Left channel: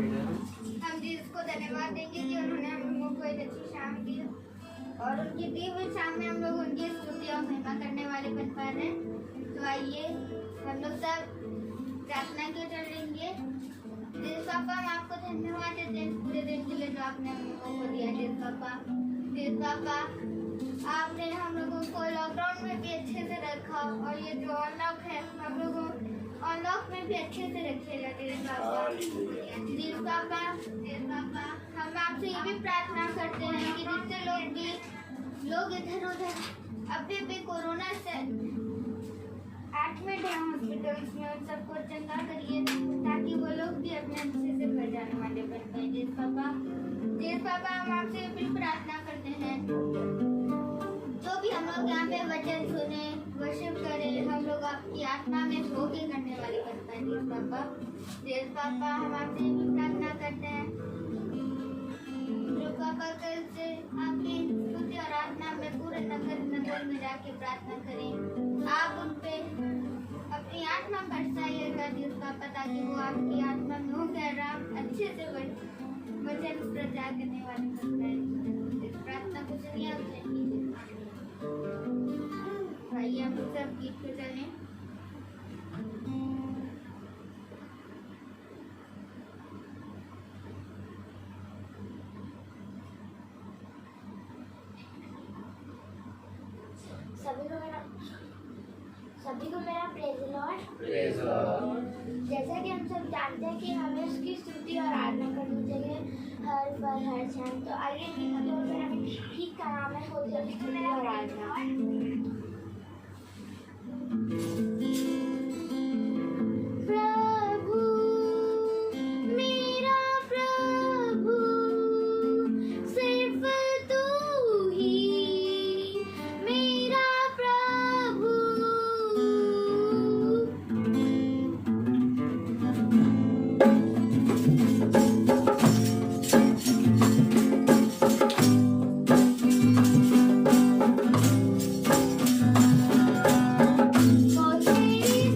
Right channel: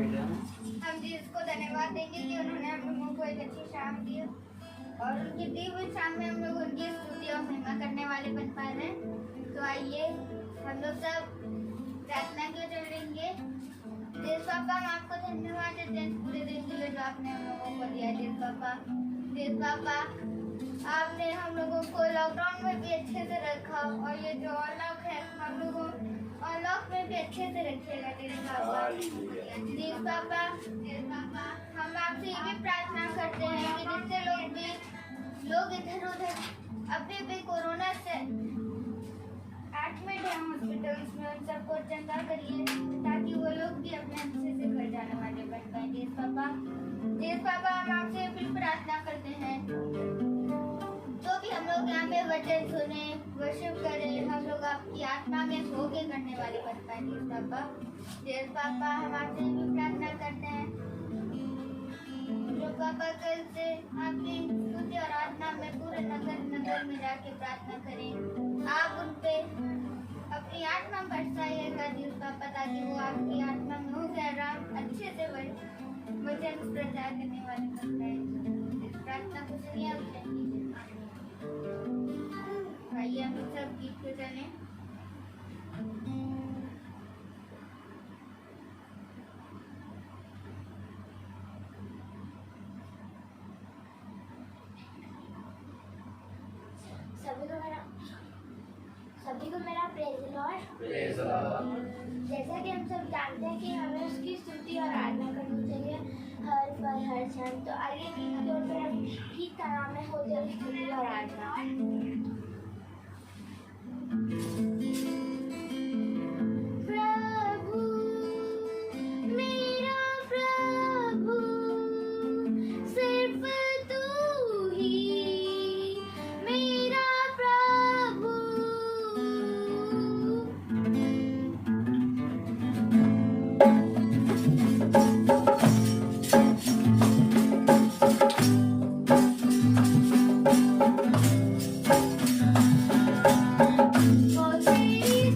हम जी इसको धन्यवाद देंगे कि उन्होंने हम लोगों को एक अच्छी शाम दी और उनकी दी हुई शाम में हम लोग उनकी स्तुति और महिमा करने वाले बन पा रहे हैं। तो आइए हम लोग सब प्रार्थना के चढ़ेंगे। देव पापा, हम आपको धन्यवाद देते हैं पूरे दिन के लिए जो आपने हम लोगों को दिया। देव पापा, आपने हम लोगों को लॉकडाउन में भी अच्छे से रखा और ये जो अनलॉक है हम लोगों अनलॉक में भी अच्छे से रखिएगा। देव पापा, हम आपसे ये भी प्रार्थना करते हैं कि जितने लोग इधर उधर अभी भी कोरोना से एडमिट है हॉस्पिटल्स में, उन सबको चंगा करिए ताकि वो लोग भी अपने अच्छे से घर जाने वाले बन पाए। देव पापा, हम आपसे भी प्रार्थना करते हैं जो भी हम लोग यहाँ पे वचन सुने, वर्शिप करें, हम लोग आपकी आत्मा में सो के करने वाले बन पाए। देव पापा, हम आपसे भी प्रार्थना करते हैं जो पापा कल से आपकी स्तुति और आराधना में पूरे नगर में जाके प्रार्थना करें। आप उन पे अपनी आत्मा बरसाइएगा देव पापा, ताकि वो आपकी आत्मा में हो गया अच्छे से वचन प्रचार करने वाले बन पाए। इस प्रार्थना को सुनिए। भाई हम सब गीत को चलें। सभी को मेरा प्रेज़ लॉर्ड। जैसा कि हम सब जानते हैं कि हमें उसकी स्तुति और आराधना करनी चाहिए हर पल हर क्षण। तो आइए ठीक का नाम है होती है स्तुति और आराधना। प्रभु मेरा प्रभु, सिर्फ तू ही मेरा प्रभु। वो तेरी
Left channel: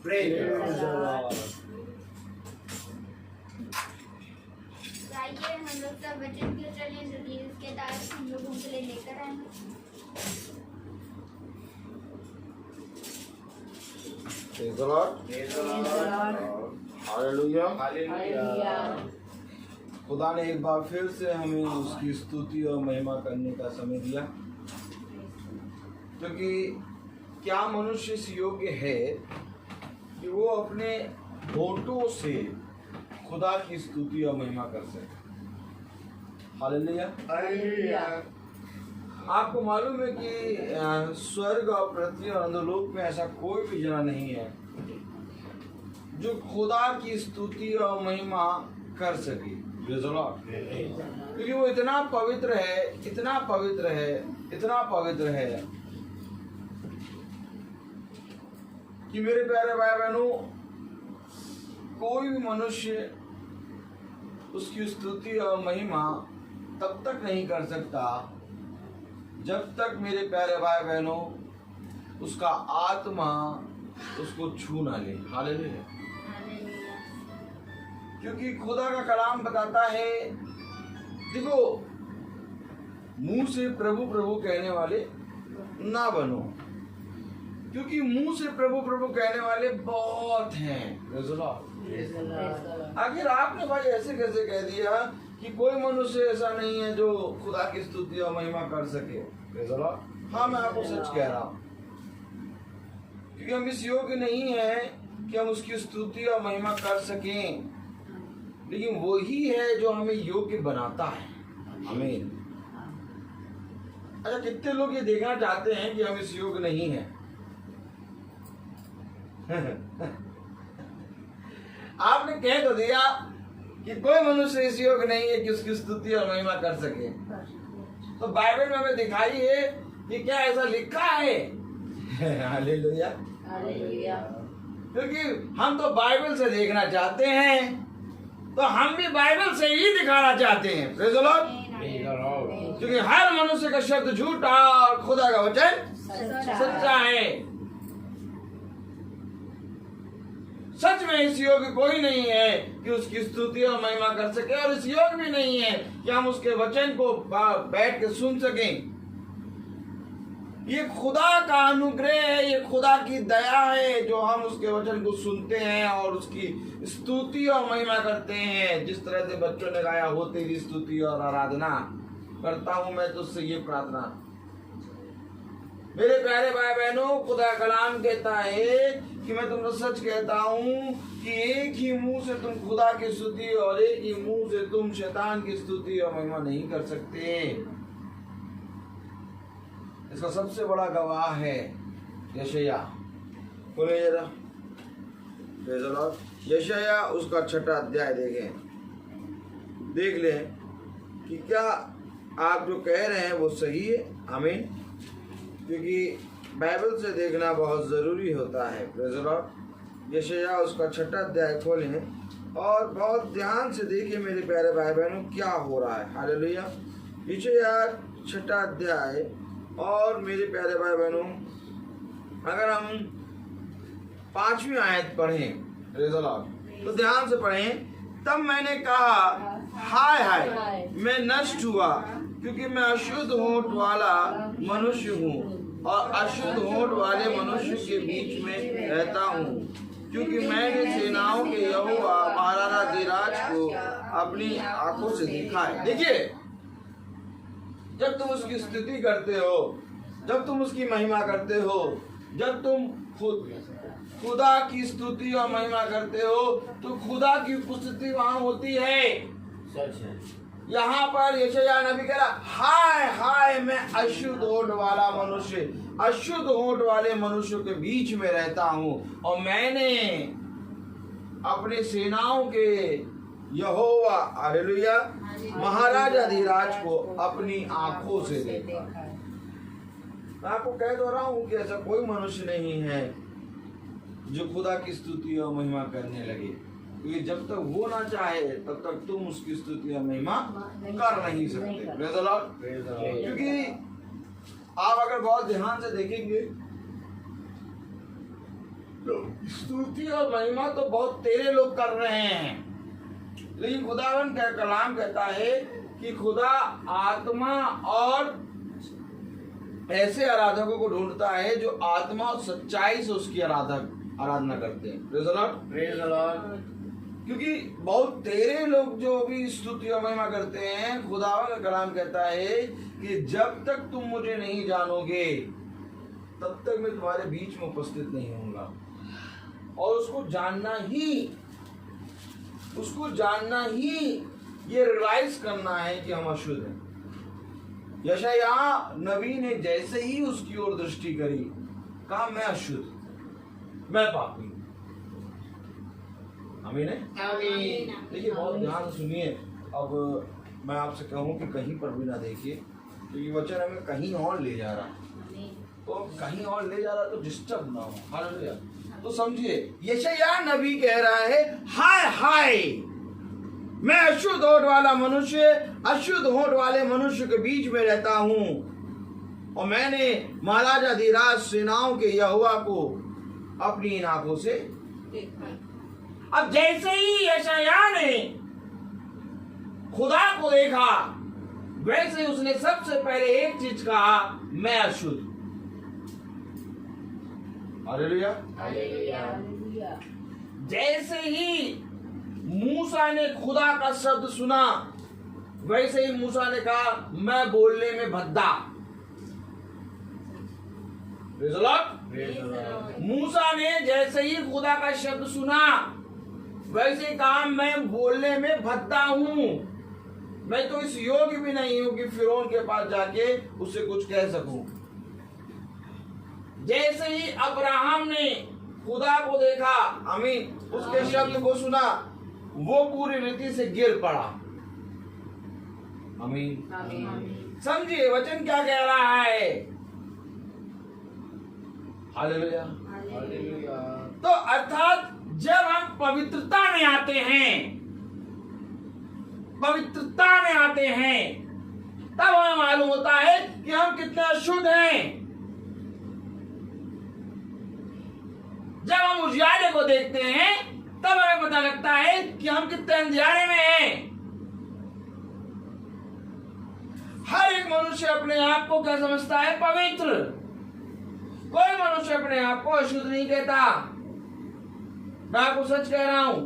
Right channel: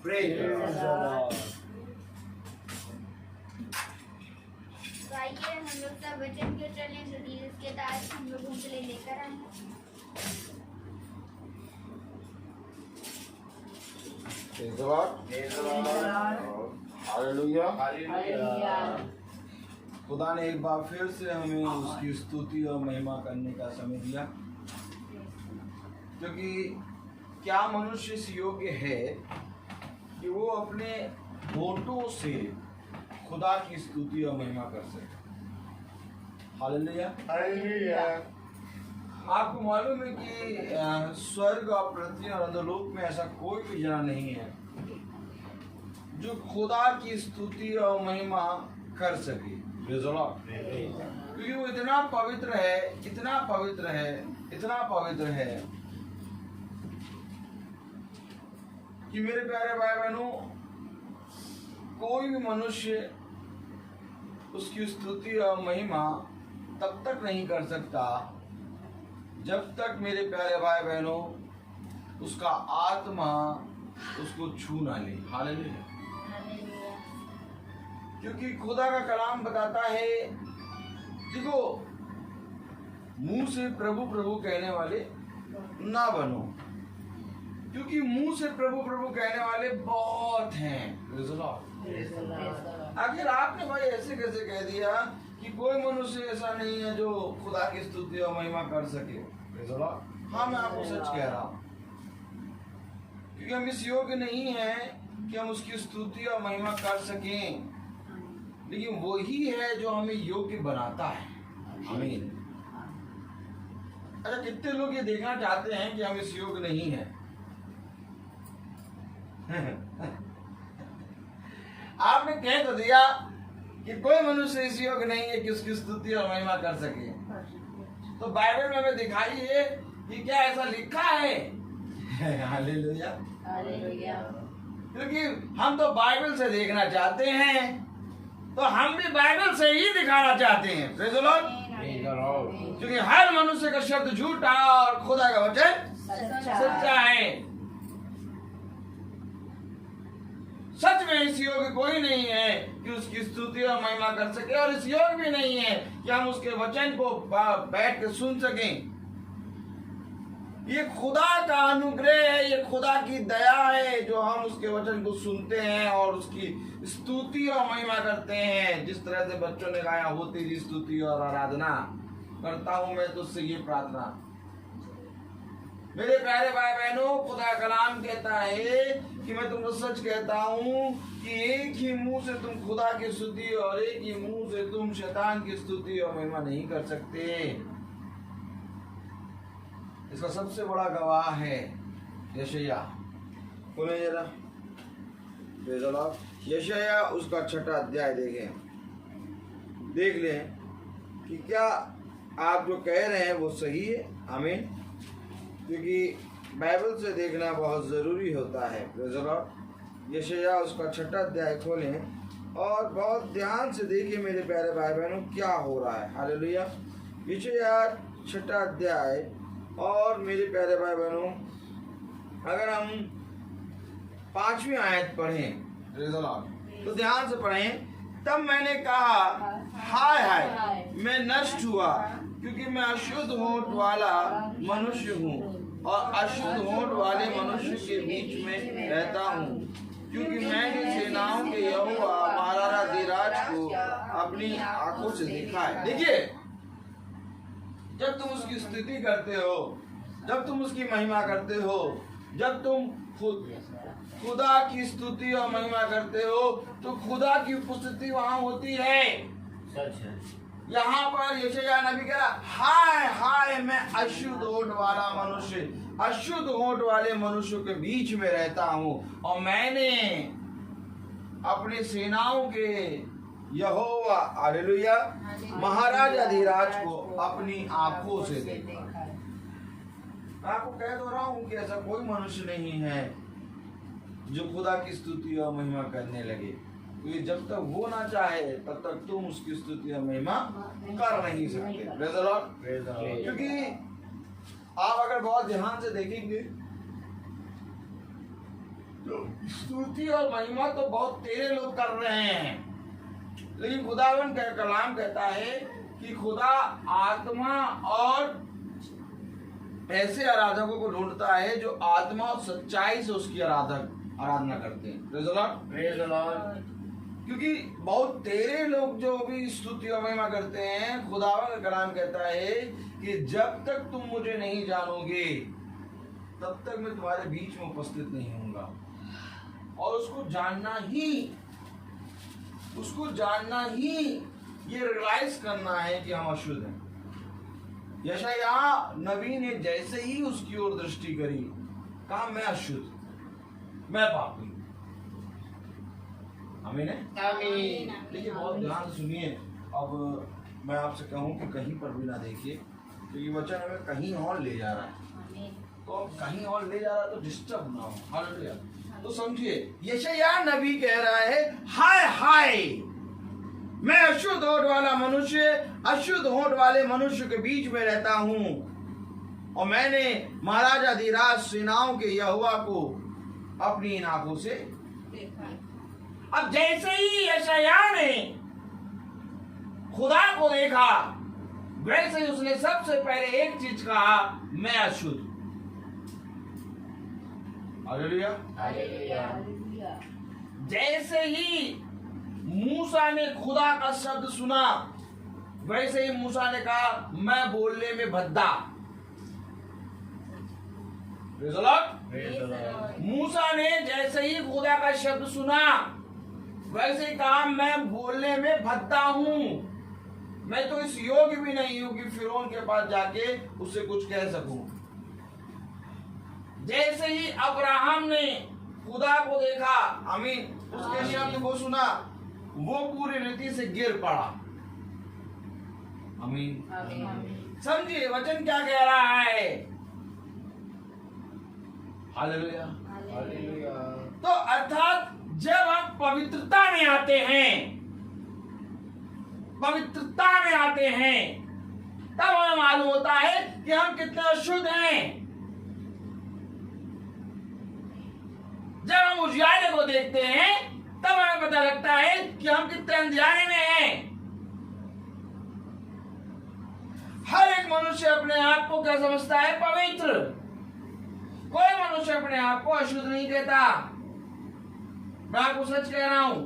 तो आइए हम लोग सब वचन की ओर चलें, जो कि इसके तहत हम लोगों के लिए लेकर आए हैं। Praise the Lord. Hallelujah. खुदा ने एक बार फिर से हमें उसकी स्तुति और महिमा करने का समय दिया, क्योंकि क्या मनुष्य इस योग्य है कि वो अपने होठों से खुदा की स्तुति और महिमा कर सके। हालेलुया। आपको मालूम है कि स्वर्ग और पृथ्वी और अंधलोक में ऐसा कोई भी जना नहीं है जो खुदा की स्तुति और महिमा कर सके। क्योंकि वो इतना पवित्र है, इतना पवित्र है, इतना पवित्र है कि मेरे प्यारे भाई बहनों, कोई भी मनुष्य उसकी स्तुति और महिमा तब तक नहीं कर सकता जब तक मेरे प्यारे भाई बहनों उसका आत्मा उसको छू ना ले। हालेलुया। क्योंकि खुदा का कलाम बताता है, देखो, मुंह से प्रभु प्रभु कहने वाले ना बनो, क्योंकि मुंह से प्रभु प्रभु कहने वाले बहुत हैं। आखिर आपने भाई ऐसे कैसे कह दिया कि कोई मनुष्य ऐसा नहीं है जो खुदा की स्तुति और महिमा कर सके? हाँ, मैं आपको सच कह रहा हूँ, क्योंकि हम इस योग्य नहीं है कि हम उसकी स्तुति और महिमा कर सकें, लेकिन वही है जो हमें योग्य बनाता है। आमीन। अच्छा, कितने लोग ये देखना चाहते हैं कि हम इस योग्य नहीं हैं? आपने कह तो दिया कि कोई मनुष्य इस योग्य नहीं है कि उसकी स्तुति और महिमा कर सके, तो बाइबल में हमें दिखाइए कि क्या ऐसा लिखा है? हालेलुया। क्योंकि हम तो बाइबल से देखना चाहते हैं, तो हम भी बाइबल से ही दिखाना चाहते हैं। Praise the Lord. क्योंकि हर मनुष्य का शब्द झूठा और खुदा का वचन सच्चा है। सच में इस योग्य कोई नहीं है कि उसकी स्तुति और महिमा कर सके, और इस योग्य भी नहीं है कि हम उसके वचन को बैठ के सुन सकें। ये खुदा का अनुग्रह है, ये खुदा की दया है जो हम उसके वचन को सुनते हैं और उसकी स्तुति और महिमा करते हैं। जिस तरह से बच्चों ने गाया, हो तेरी स्तुति और आराधना करता हूं मैं तुझसे ये प्रार्थना। मेरे प्यारे भाई बहनों, खुदा कलाम कहता है कि मैं तुमको सच कहता हूं कि एक ही मुंह से तुम खुदा की स्तुति और एक ही मुंह से तुम शैतान की स्तुति और महिमा नहीं कर सकते। इसका सबसे बड़ा गवाह है यशायाह। बोले जरा, यशायाह उसका 6वां अध्याय देख लें कि क्या आप जो कह रहे हैं वो सही है। आमीन। क्योंकि बाइबल से देखना बहुत ज़रूरी होता है। Praise the Lord. यशायाह उसका 6वां अध्याय खोलें और बहुत ध्यान से देखिए मेरे प्यारे भाई बहनों क्या हो रहा है। हालेलुया। यशायाह 6वां अध्याय, और मेरे प्यारे भाई बहनों अगर हम 5वीं आयत पढ़ें, प्रेज़ द लॉर्ड, तो ध्यान से पढ़ें। तब मैंने कहा, हाय हाय, मैं नष्ट हुआ, क्योंकि मैं अशुद्ध होंठ वाला मनुष्य हूँ और अशुद्ध होंठ वाले मनुष्य के बीच में रहता हूँ, क्योंकि मैंने सेनाओं के यहोवा महाराजा धीराज को अपनी आंखों से देखा है। देखिए, जब तुम उसकी स्तुति करते हो, जब तुम उसकी महिमा करते हो, जब तुम खुदा की स्तुति और महिमा करते हो, तो खुदा की उपस्थिति वहां होती है। सच है। यहाँ पर यशायाह नबी कह रहा, हाय हाय, मैं अशुद्ध होंठ वाला मनुष्य, अशुद्ध होंठ वाले मनुष्यों के बीच में रहता हूँ, और मैंने अपने सेनाओं के यहोवा, हालेलुया, महाराजा धीराज को अपनी आंखों से देखा। मैं आपको कह दो रहा हूँ कि ऐसा कोई मनुष्य नहीं है जो खुदा की स्तुति और महिमा करने लगे, क्योंकि जब तक वो ना चाहे तब तक तुम उसकी स्तुति और महिमा कर नहीं सकते। Praise the Lord. क्योंकि आप अगर बहुत ध्यान से देखेंगे तो स्तुति और महिमा तो बहुत तेरे लोग कर रहे हैं, लेकिन खुदावन का कलाम कहता है कि खुदा आत्मा और ऐसे आराधकों को ढूंढता है जो आत्मा और सच्चाई से उसकी आराधना करते हैं। Praise the Lord. क्योंकि बहुत तेरे लोग जो भी स्तुति और महिमा करते हैं, खुदावन का कलाम कहता है कि जब तक तुम मुझे नहीं जानोगे तब तक मैं तुम्हारे बीच में उपस्थित नहीं होऊंगा। और उसको जानना ही ये रियलाइज करना है कि हम अशुद्ध हैं। यशायाह नबी ने जैसे ही उसकी ओर दृष्टि करी, कहा मैं अशुद्ध, मैं पापी। आमीन है। देखिए बहुत ध्यान सुनिए। अब मैं आपसे कहूं कि कहीं पर भी ना देखिए, क्योंकि वचन हमें कहीं और ले जा रहा है, तो कहीं और ले जा रहा है तो डिस्टर्ब ना हो। हालेलुया। तो समझिए, यशायाह नबी कह रहा है, हाय हाय मैं अशुद्ध होठ वाला मनुष्य, अशुद्ध होठ वाले मनुष्य के बीच में रहता हूं, और मैंने महाराजा धीराज सेनाओं के यहोवा को अपनी इन आंखों से देखा। अब जैसे ही यशायाह ने खुदा को देखा, वैसे ही उसने सबसे पहले एक चीज कहा, मैं अशुद्ध। हालेलुया। जैसे ही मूसा ने खुदा का शब्द सुना, वैसे ही मूसा ने कहा, मैं बोलने में भद्दा। Praise the Lord. मूसा ने जैसे ही खुदा का शब्द सुना, वैसे ही कहा, मैं बोलने में भद्दा हूं, मैं तो इस योग्य भी नहीं हूं कि फिरौन के पास जाके उससे कुछ कह सकूं। जैसे ही अब्राहम ने खुदा को देखा, आमीन, उसके शब्द को सुना, वो पूरी रीति से गिर पड़ा। आमीन। समझिए वचन क्या कह रहा है। हालेलुया। तो अर्थात जब हम पवित्रता में आते हैं, तब हमें मालूम होता है कि हम कितने अशुद्ध हैं। जब हम उजियारे को देखते हैं, तब हमें पता लगता है कि हम कितने अंधियारे में हैं। हर एक मनुष्य अपने आप को क्या समझता है? पवित्र। कोई मनुष्य अपने आप को अशुद्ध नहीं कहता। मैं आपको सच कह रहा हूं,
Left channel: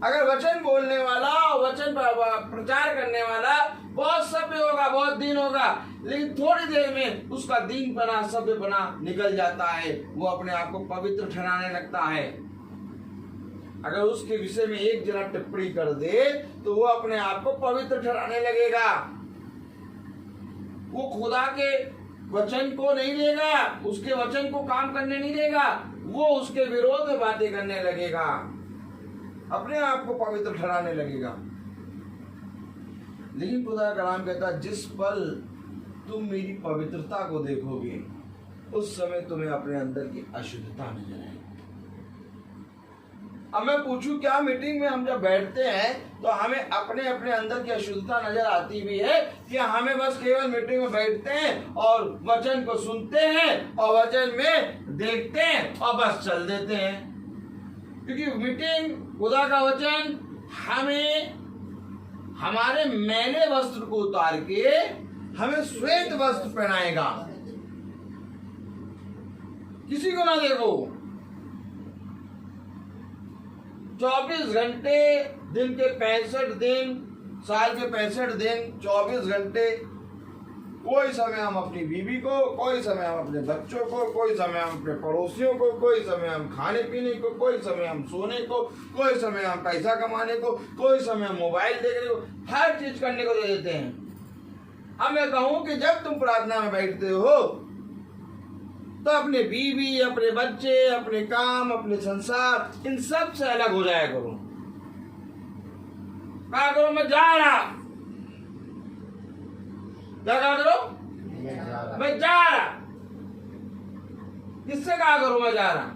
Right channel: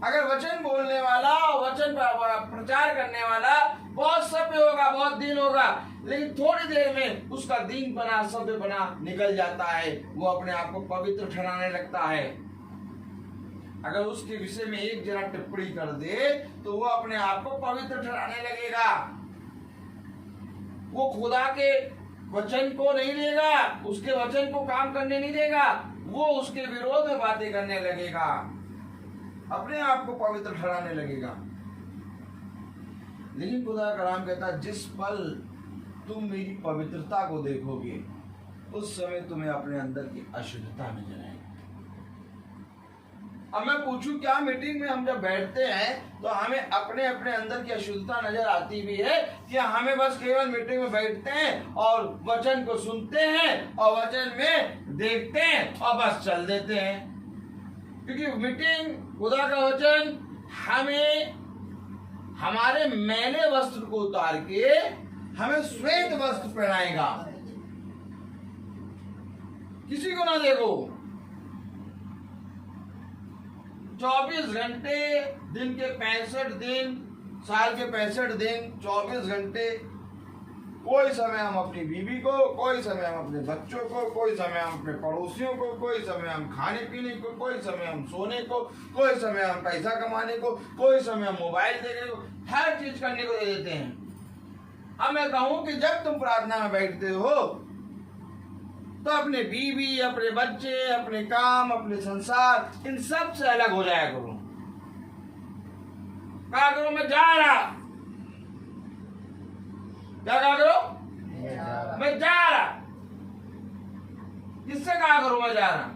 अगर वचन बोलने वाला, वचन प्रचार करने वाला बहुत सभ्य होगा, बहुत दिन होगा, लेकिन थोड़ी देर में उसका दीन बना, सभ्य बना निकल जाता है, वो अपने आप को पवित्र ठहराने लगता है। अगर उसके विषय में एक जरा टिप्पणी कर दे तो वो अपने आप को पवित्र ठहराने लगेगा। वो खुदा के वचन को नहीं देगा, उसके वचन को काम करने नहीं देगा, वो उसके विरोध में बातें करने लगेगा, अपने आप को पवित्र ठहराने लगेगा। लेकिन खुदा का कलाम कहता है, जिस पल तुम मेरी पवित्रता को देखोगे, उस समय तुम्हें अपने अंदर की अशुद्धता नजर आएगी। अब मैं पूछूं, क्या मीटिंग में हम जब बैठते हैं तो हमें अपने अपने अंदर की अशुद्धता नजर आती भी है, कि हमें बस केवल मीटिंग में बैठते हैं और वचन को सुनते हैं और वचन में देखते हैं और बस चल देते हैं? क्योंकि मीटिंग, खुदा का वचन हमें हमारे मैले वस्त्र को उतार के हमें श्वेत वस्त्र पहनाएगा। किसी को ना देखो, 24 घंटे दिन के 65 दिन, साल के 65 दिन, 24 घंटे, कोई समय हम अपनी बीवी को, कोई समय हम अपने बच्चों को, कोई समय हम अपने पड़ोसियों को, कोई समय हम खाने पीने को, कोई समय हम सोने को, कोई समय हम पैसा कमाने को, कोई समय हम मोबाइल देखने को, हर चीज करने को दे देते हैं। अब मैं कहूं कि जब तुम प्रार्थना में बैठते हो तो अपने बीवी, अपने बच्चे, अपने काम, अपने संसार, इन सब से अलग हो जाया करो। क्या करो? मैं जा रहा। क्या कहा करो? मैं जा रहा। किससे कहा करो मैं जा रहा?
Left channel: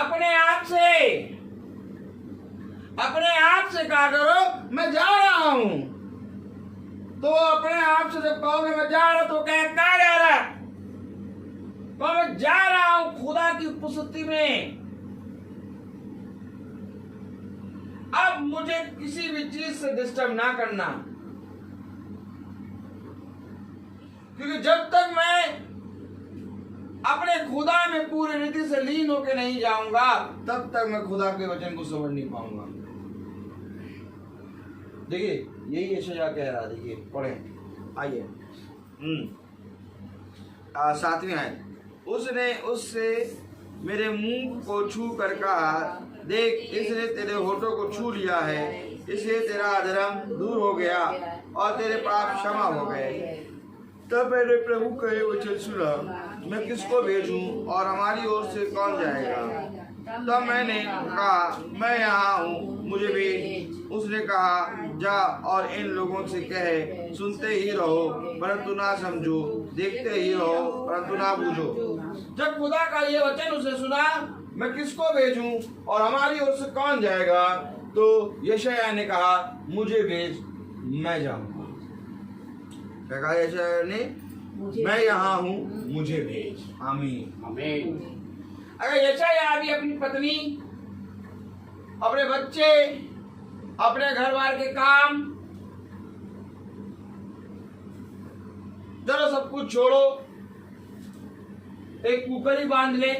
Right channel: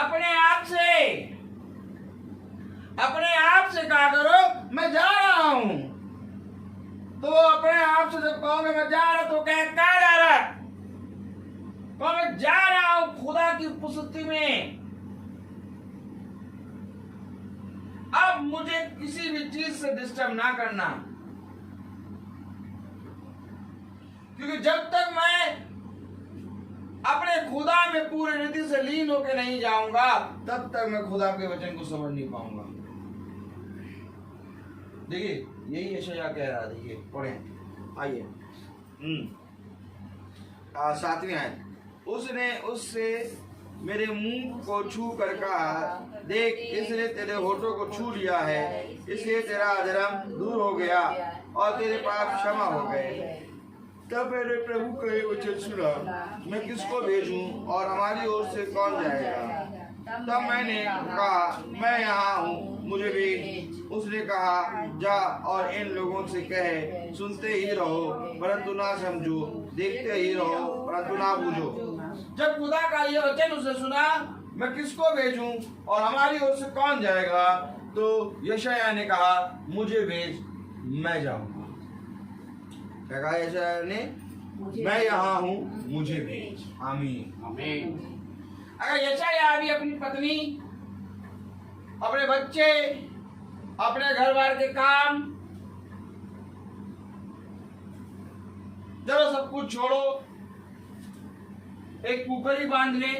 अपने आप से कहा करो मैं जा रहा हूं। तो अपने आप से जब कहोगे मैं जा रहा, तो कहा जा रहा? तो मैं जा रहा हूं, खुदा खुदा की उपस्थिति में अब मुझे किसी भी चीज से डिस्टर्ब ना करना, क्योंकि जब तक मैं अपने खुदा में पूरी रीति से लीन होकर नहीं जाऊंगा तब तक मैं खुदा के वचन को समझ नहीं पाऊंगा। देखिए यही यशायाह कह रहा है। देखिए पढ़ें, आइए 7वीं आयत। उसने उससे मेरे मुंह को छू कर कहा, देख इसने तेरे होठों को छू लिया है, इसलिए तेरा अधर्म दूर हो गया और तेरे पाप क्षमा हो गए। तब मैंने प्रभु का ये वचन सुना, मैं किसको भेजूं और हमारी ओर से कौन जाएगा? तब मैंने कहा, मैं यहाँ हूँ, मुझे भेज। उसने कहा, जा और इन लोगों से कहे, सुनते ही रहो परंतु ना समझो, देखते ही रहो परंतु ना बूझो। जब खुदा का ये वचन उसने सुना, मैं किसको भेजूं और हमारी ओर से कौन जाएगा, तो यशायाह ने कहा, मुझे भेज, मैं जाऊंगा। कहा यशायाह ने, मैं यहाँ हूँ, मुझे भेज। आमीन आमीन। अगर यशायाह भी अपनी पत्नी, अपने बच्चे, अपने घर बार के काम, चलो सब कुछ छोड़ो, एक कुकर ही बांध ले,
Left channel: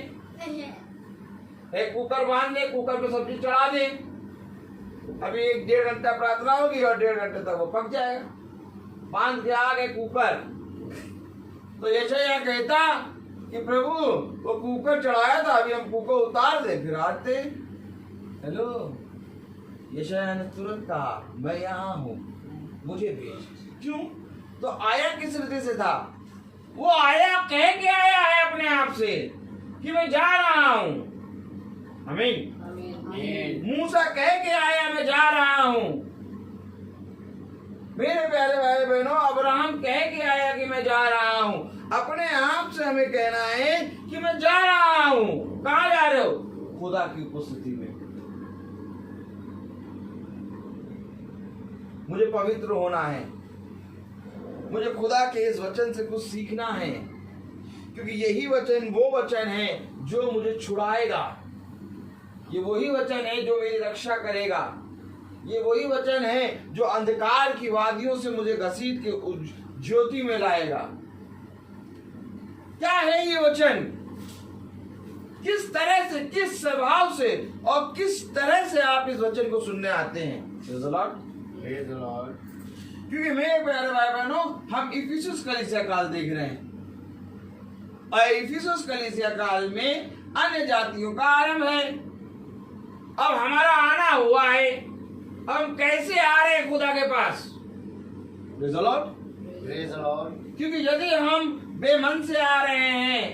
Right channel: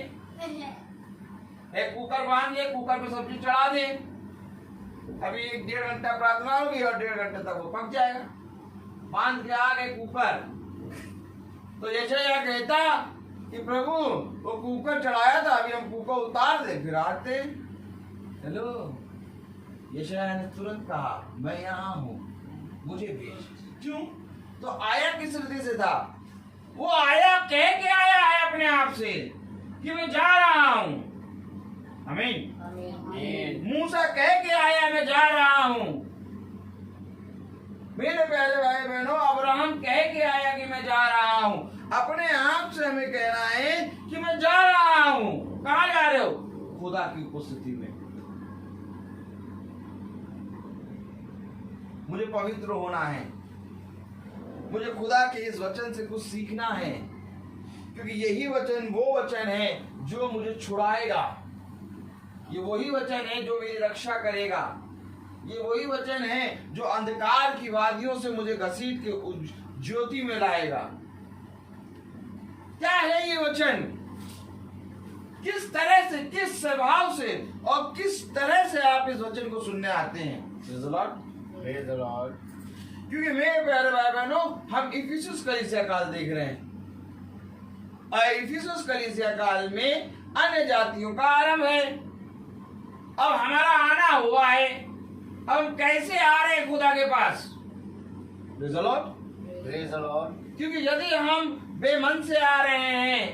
एक कुकर बांध ले, कुकर पे सब्जी चढ़ा दे, अभी 1-1.5 घंटा प्रार्थना होगी और 1.5 घंटे तक वो पक जाएगा। बांध के आ गए कुकर, तो यशायाह कहता कि प्रभु वो कुकर चढ़ाया था, अभी हम कुकर उतार दे फिर आते। हेलो, यशायाह ने तुरंत कहा, मैं यहाँ हूँ, मुझे भेज। क्यों? तो आया किस रीति से था? वो आया कह के आया है अपने आप से कि मैं जा रहा हूँ। आमीन। मूसा कह के आया, मैं जा रहा हूँ। मेरे प्यारे भाई बहनों, अब्राहम कह के आया कि मैं जा रहा हूँ। अपने आप से हमें कहना है कि मैं जा रहा हूँ। कहाँ जा रहे हो? खुदा की उपस्थिति में। मुझे पवित्र होना है, मुझे खुदा के इस वचन से कुछ सीखना है, क्योंकि यही वचन वो वचन है जो मुझे छुड़ाएगा। ये वही वचन है जो मेरी रक्षा करेगा। ये वही वचन है जो अंधकार की वादियों से मुझे घसीट के ज्योति में लाएगा। क्या है ये वचन? किस तरह से, किस स्वभाव से और किस तरह से आप इस वचन को सुनने आते हैं? Praise the Lord। क्योंकि मेरे प्यारे भाई बहनों, हम इफिसुस कलीसिया काल देख रहे हैं और इफिसुस कलीसिया काल में अन्य जातियों का आरंभ है। अब हमारा आना हुआ है, हम कैसे आ रहे हैं खुदा के पास? Praise the Lord। Praise the Lord। क्योंकि यदि हम बेमन से आ रहे हैं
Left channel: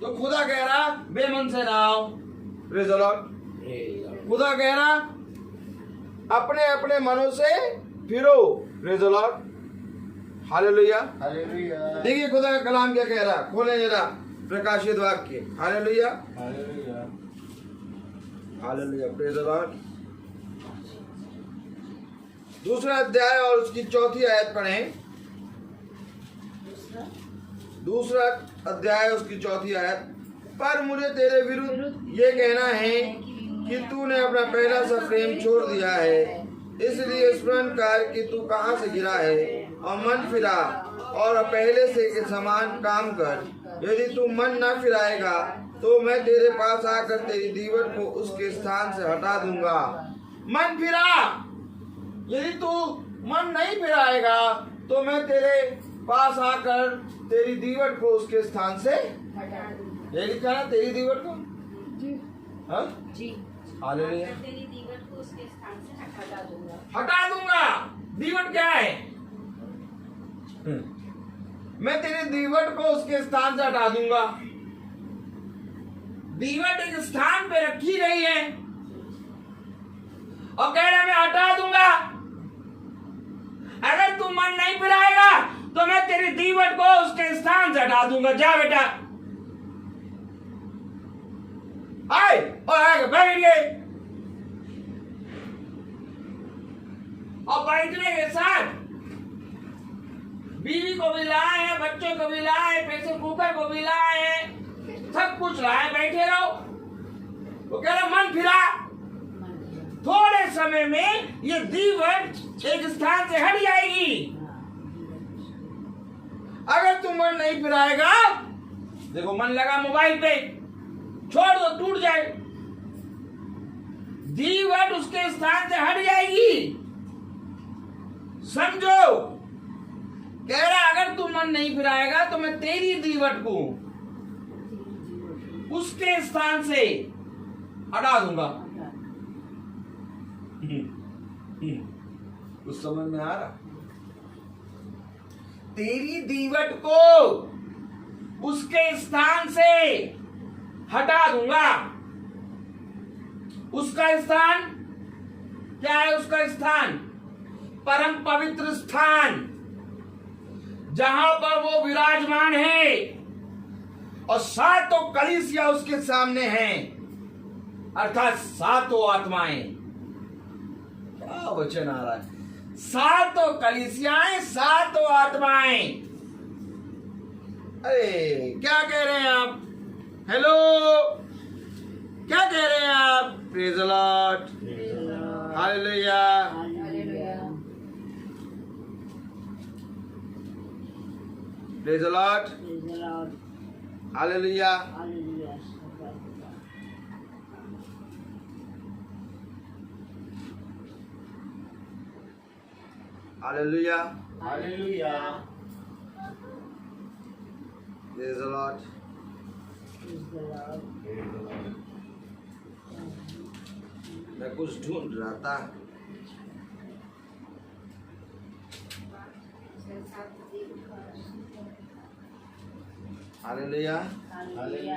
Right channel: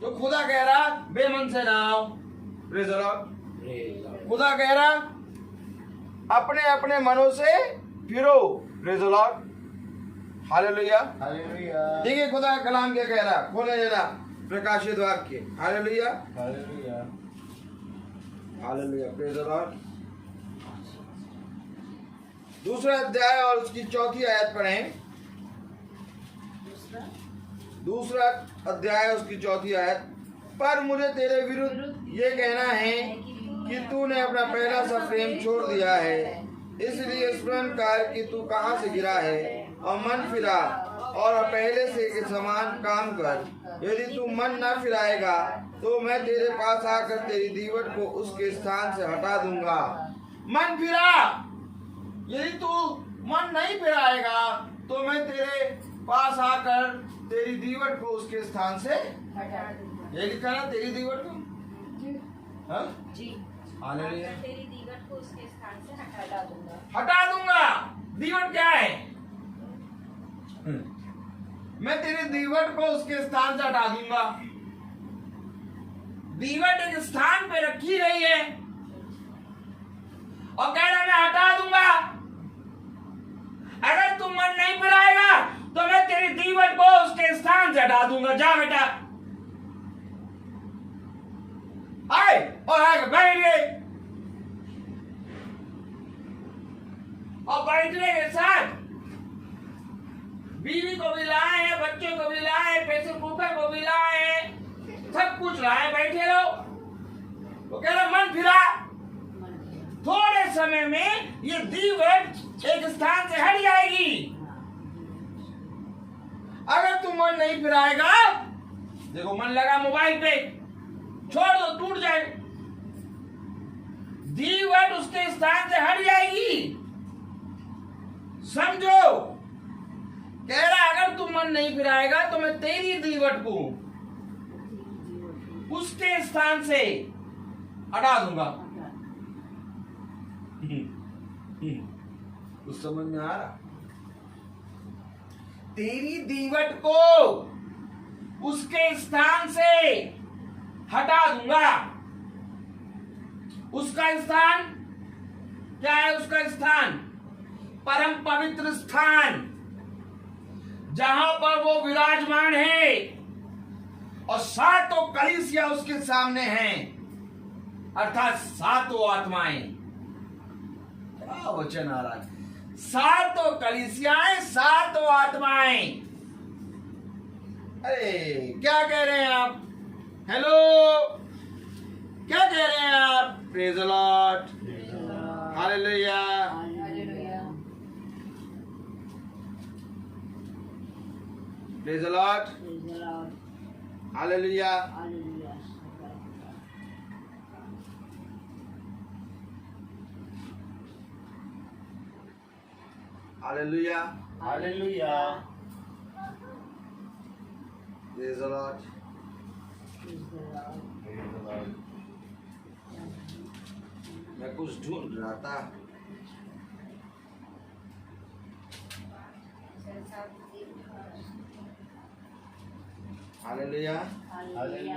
तो खुदा कह रहा बेमन से ना आओ। Praise the Lord। खुदा कह रहा अपने अपने मनों से फिरो। Praise the Lord। Hallelujah. Hallelujah. देखिए खुदा का कलाम क्या कह रहा, खोले जरा प्रकाशित वाक्य। Hallelujah. Hallelujah. Hallelujah. Praise the Lord। दूसरा अध्याय और उसकी 4थी आयत पढ़ें। दूसरा अध्याय उसकी 4थी आयत। पर मुझे तेरे विरुद्ध ये कहना है कि तूने अपना पहला सा प्रेम छोड़ दिया है, इसलिए स्मरण कर कि तू कहाँ से गिरा है और मन फिरा और पहले से के समान काम कर। यदि तू मन न फिराएगा तो मैं तेरे पास आकर तेरी दीवट को उसके स्थान से हटा दूंगा। मन फिरा। यदि तू मन नहीं फिराएगा तो मैं तेरे पास आकर तेरी दीवट को उसके स्थान से ये लिखा है, तेरी दीवट को जी हालेलुया तेरी दीवट को उसके स्थान से हटा दूंगा। दीवट क्या है? मैं तेरी दीवट को उसके स्थान से हटा दूंगा। दीवट एक स्थान पे रखी गई है और कह रहा मैं हटा दूंगा। अगर तू मन नहीं फिराएगा तो मैं तेरी दीवट को उसके स्थान से हटा दूंगा। जा बेटा। आए और बैठ गए और बैठने के साथ बीवी को भी लाए हैं, बच्चों को भी लाए हैं, प्रेशर कुकर को भी लाए हैं। सब कुछ रहा है, बैठे रहो। वो कह रहा मन फिरा, थोड़े समय में ये दीवट एक स्थान से हट जाएगी। अगर तुम मन नहीं फिराएगा, देखो मन लगा मोबाइल पे, छोड़ दो, टूट जाए, दीवट उसके स्थान से हट जाएगी। समझो, कह रहा अगर तू मन नहीं फिराएगा तो मैं तेरी दीवट को उसके स्थान से हटा दूंगा। कुछ समझ में आ रहा? तेरी दीवट को उसके स्थान से हटा दूंगा। उसका स्थान क्या है? उसका स्थान परम पवित्र स्थान, जहां पर वो विराजमान है और सातों कलीसिया उसके सामने हैं, अर्थात सातों आत्माएं। क्या वचन आ रहा है? सातों कलीसियाएं, सातों आत्माएं। अरे क्या कह रहे हैं आप? हेलो, क्या कह रहे हैं आप? Praise the Lord, hallelujah. Praise the Lord, hallelujah. Hallelujah, hallelujah. Praise the Lord. मैं कुछ ढूंढ रहा था। Hallelujah, hallelujah.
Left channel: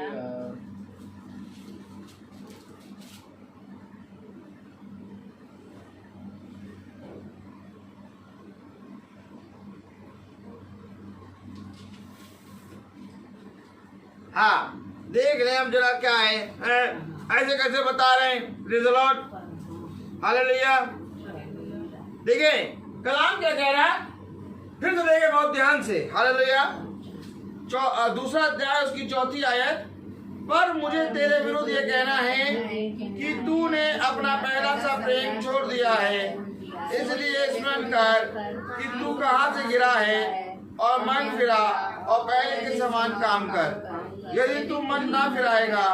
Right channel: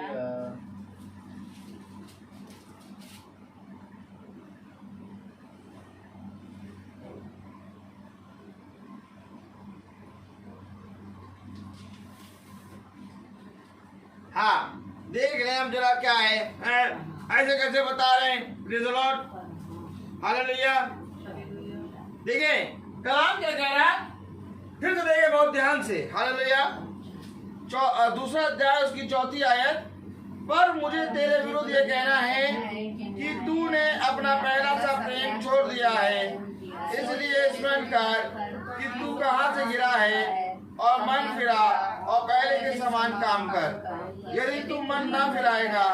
हाँ, देख रहे हैं हम जरा क्या है, ऐसे कैसे बता रहे हैं? Praise the Lord, hallelujah. देखिए कलाम क्या कह रहा है, फिर तो देखे बहुत ध्यान से। हालेलुया। दूसरा अध्याय उसकी 4 आयत, पर मुझे तेरे विरुद्ध ये कहना है कि तूने अपना पहला सा प्रेम छोड़ दिया है। इसलिए स्मरण कर कि तू कहाँ से गिरा है और मन फिरा और पहले के समान काम कर। यदि तू मन ना फिराएगा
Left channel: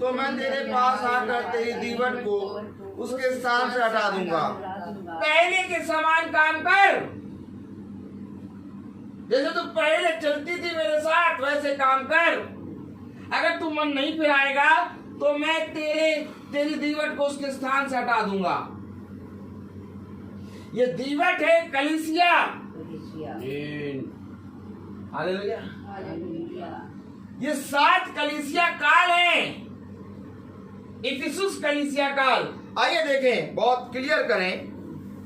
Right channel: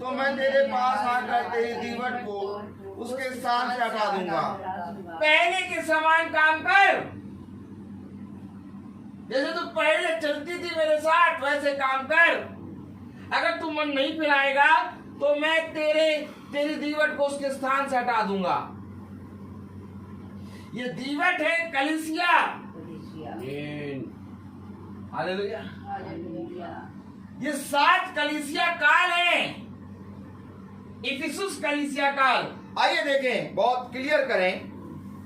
तो मैं तेरे पास आकर तेरी दीवट को उसके स्थान से हटा दूंगा। पहले के समान काम कर, जैसे तू पहले चलती थी मेरे साथ वैसे काम कर। अगर तू मन नहीं फिराएगा तो मैं तेरी दीवट को उसके स्थान से हटा दूंगा। ये दीवट है कलीसिया। हालेलुया। ये 7 कलीसिया काल है, इफिसुस कलीसिया काल। आइए देखें, बहुत क्लियर करें।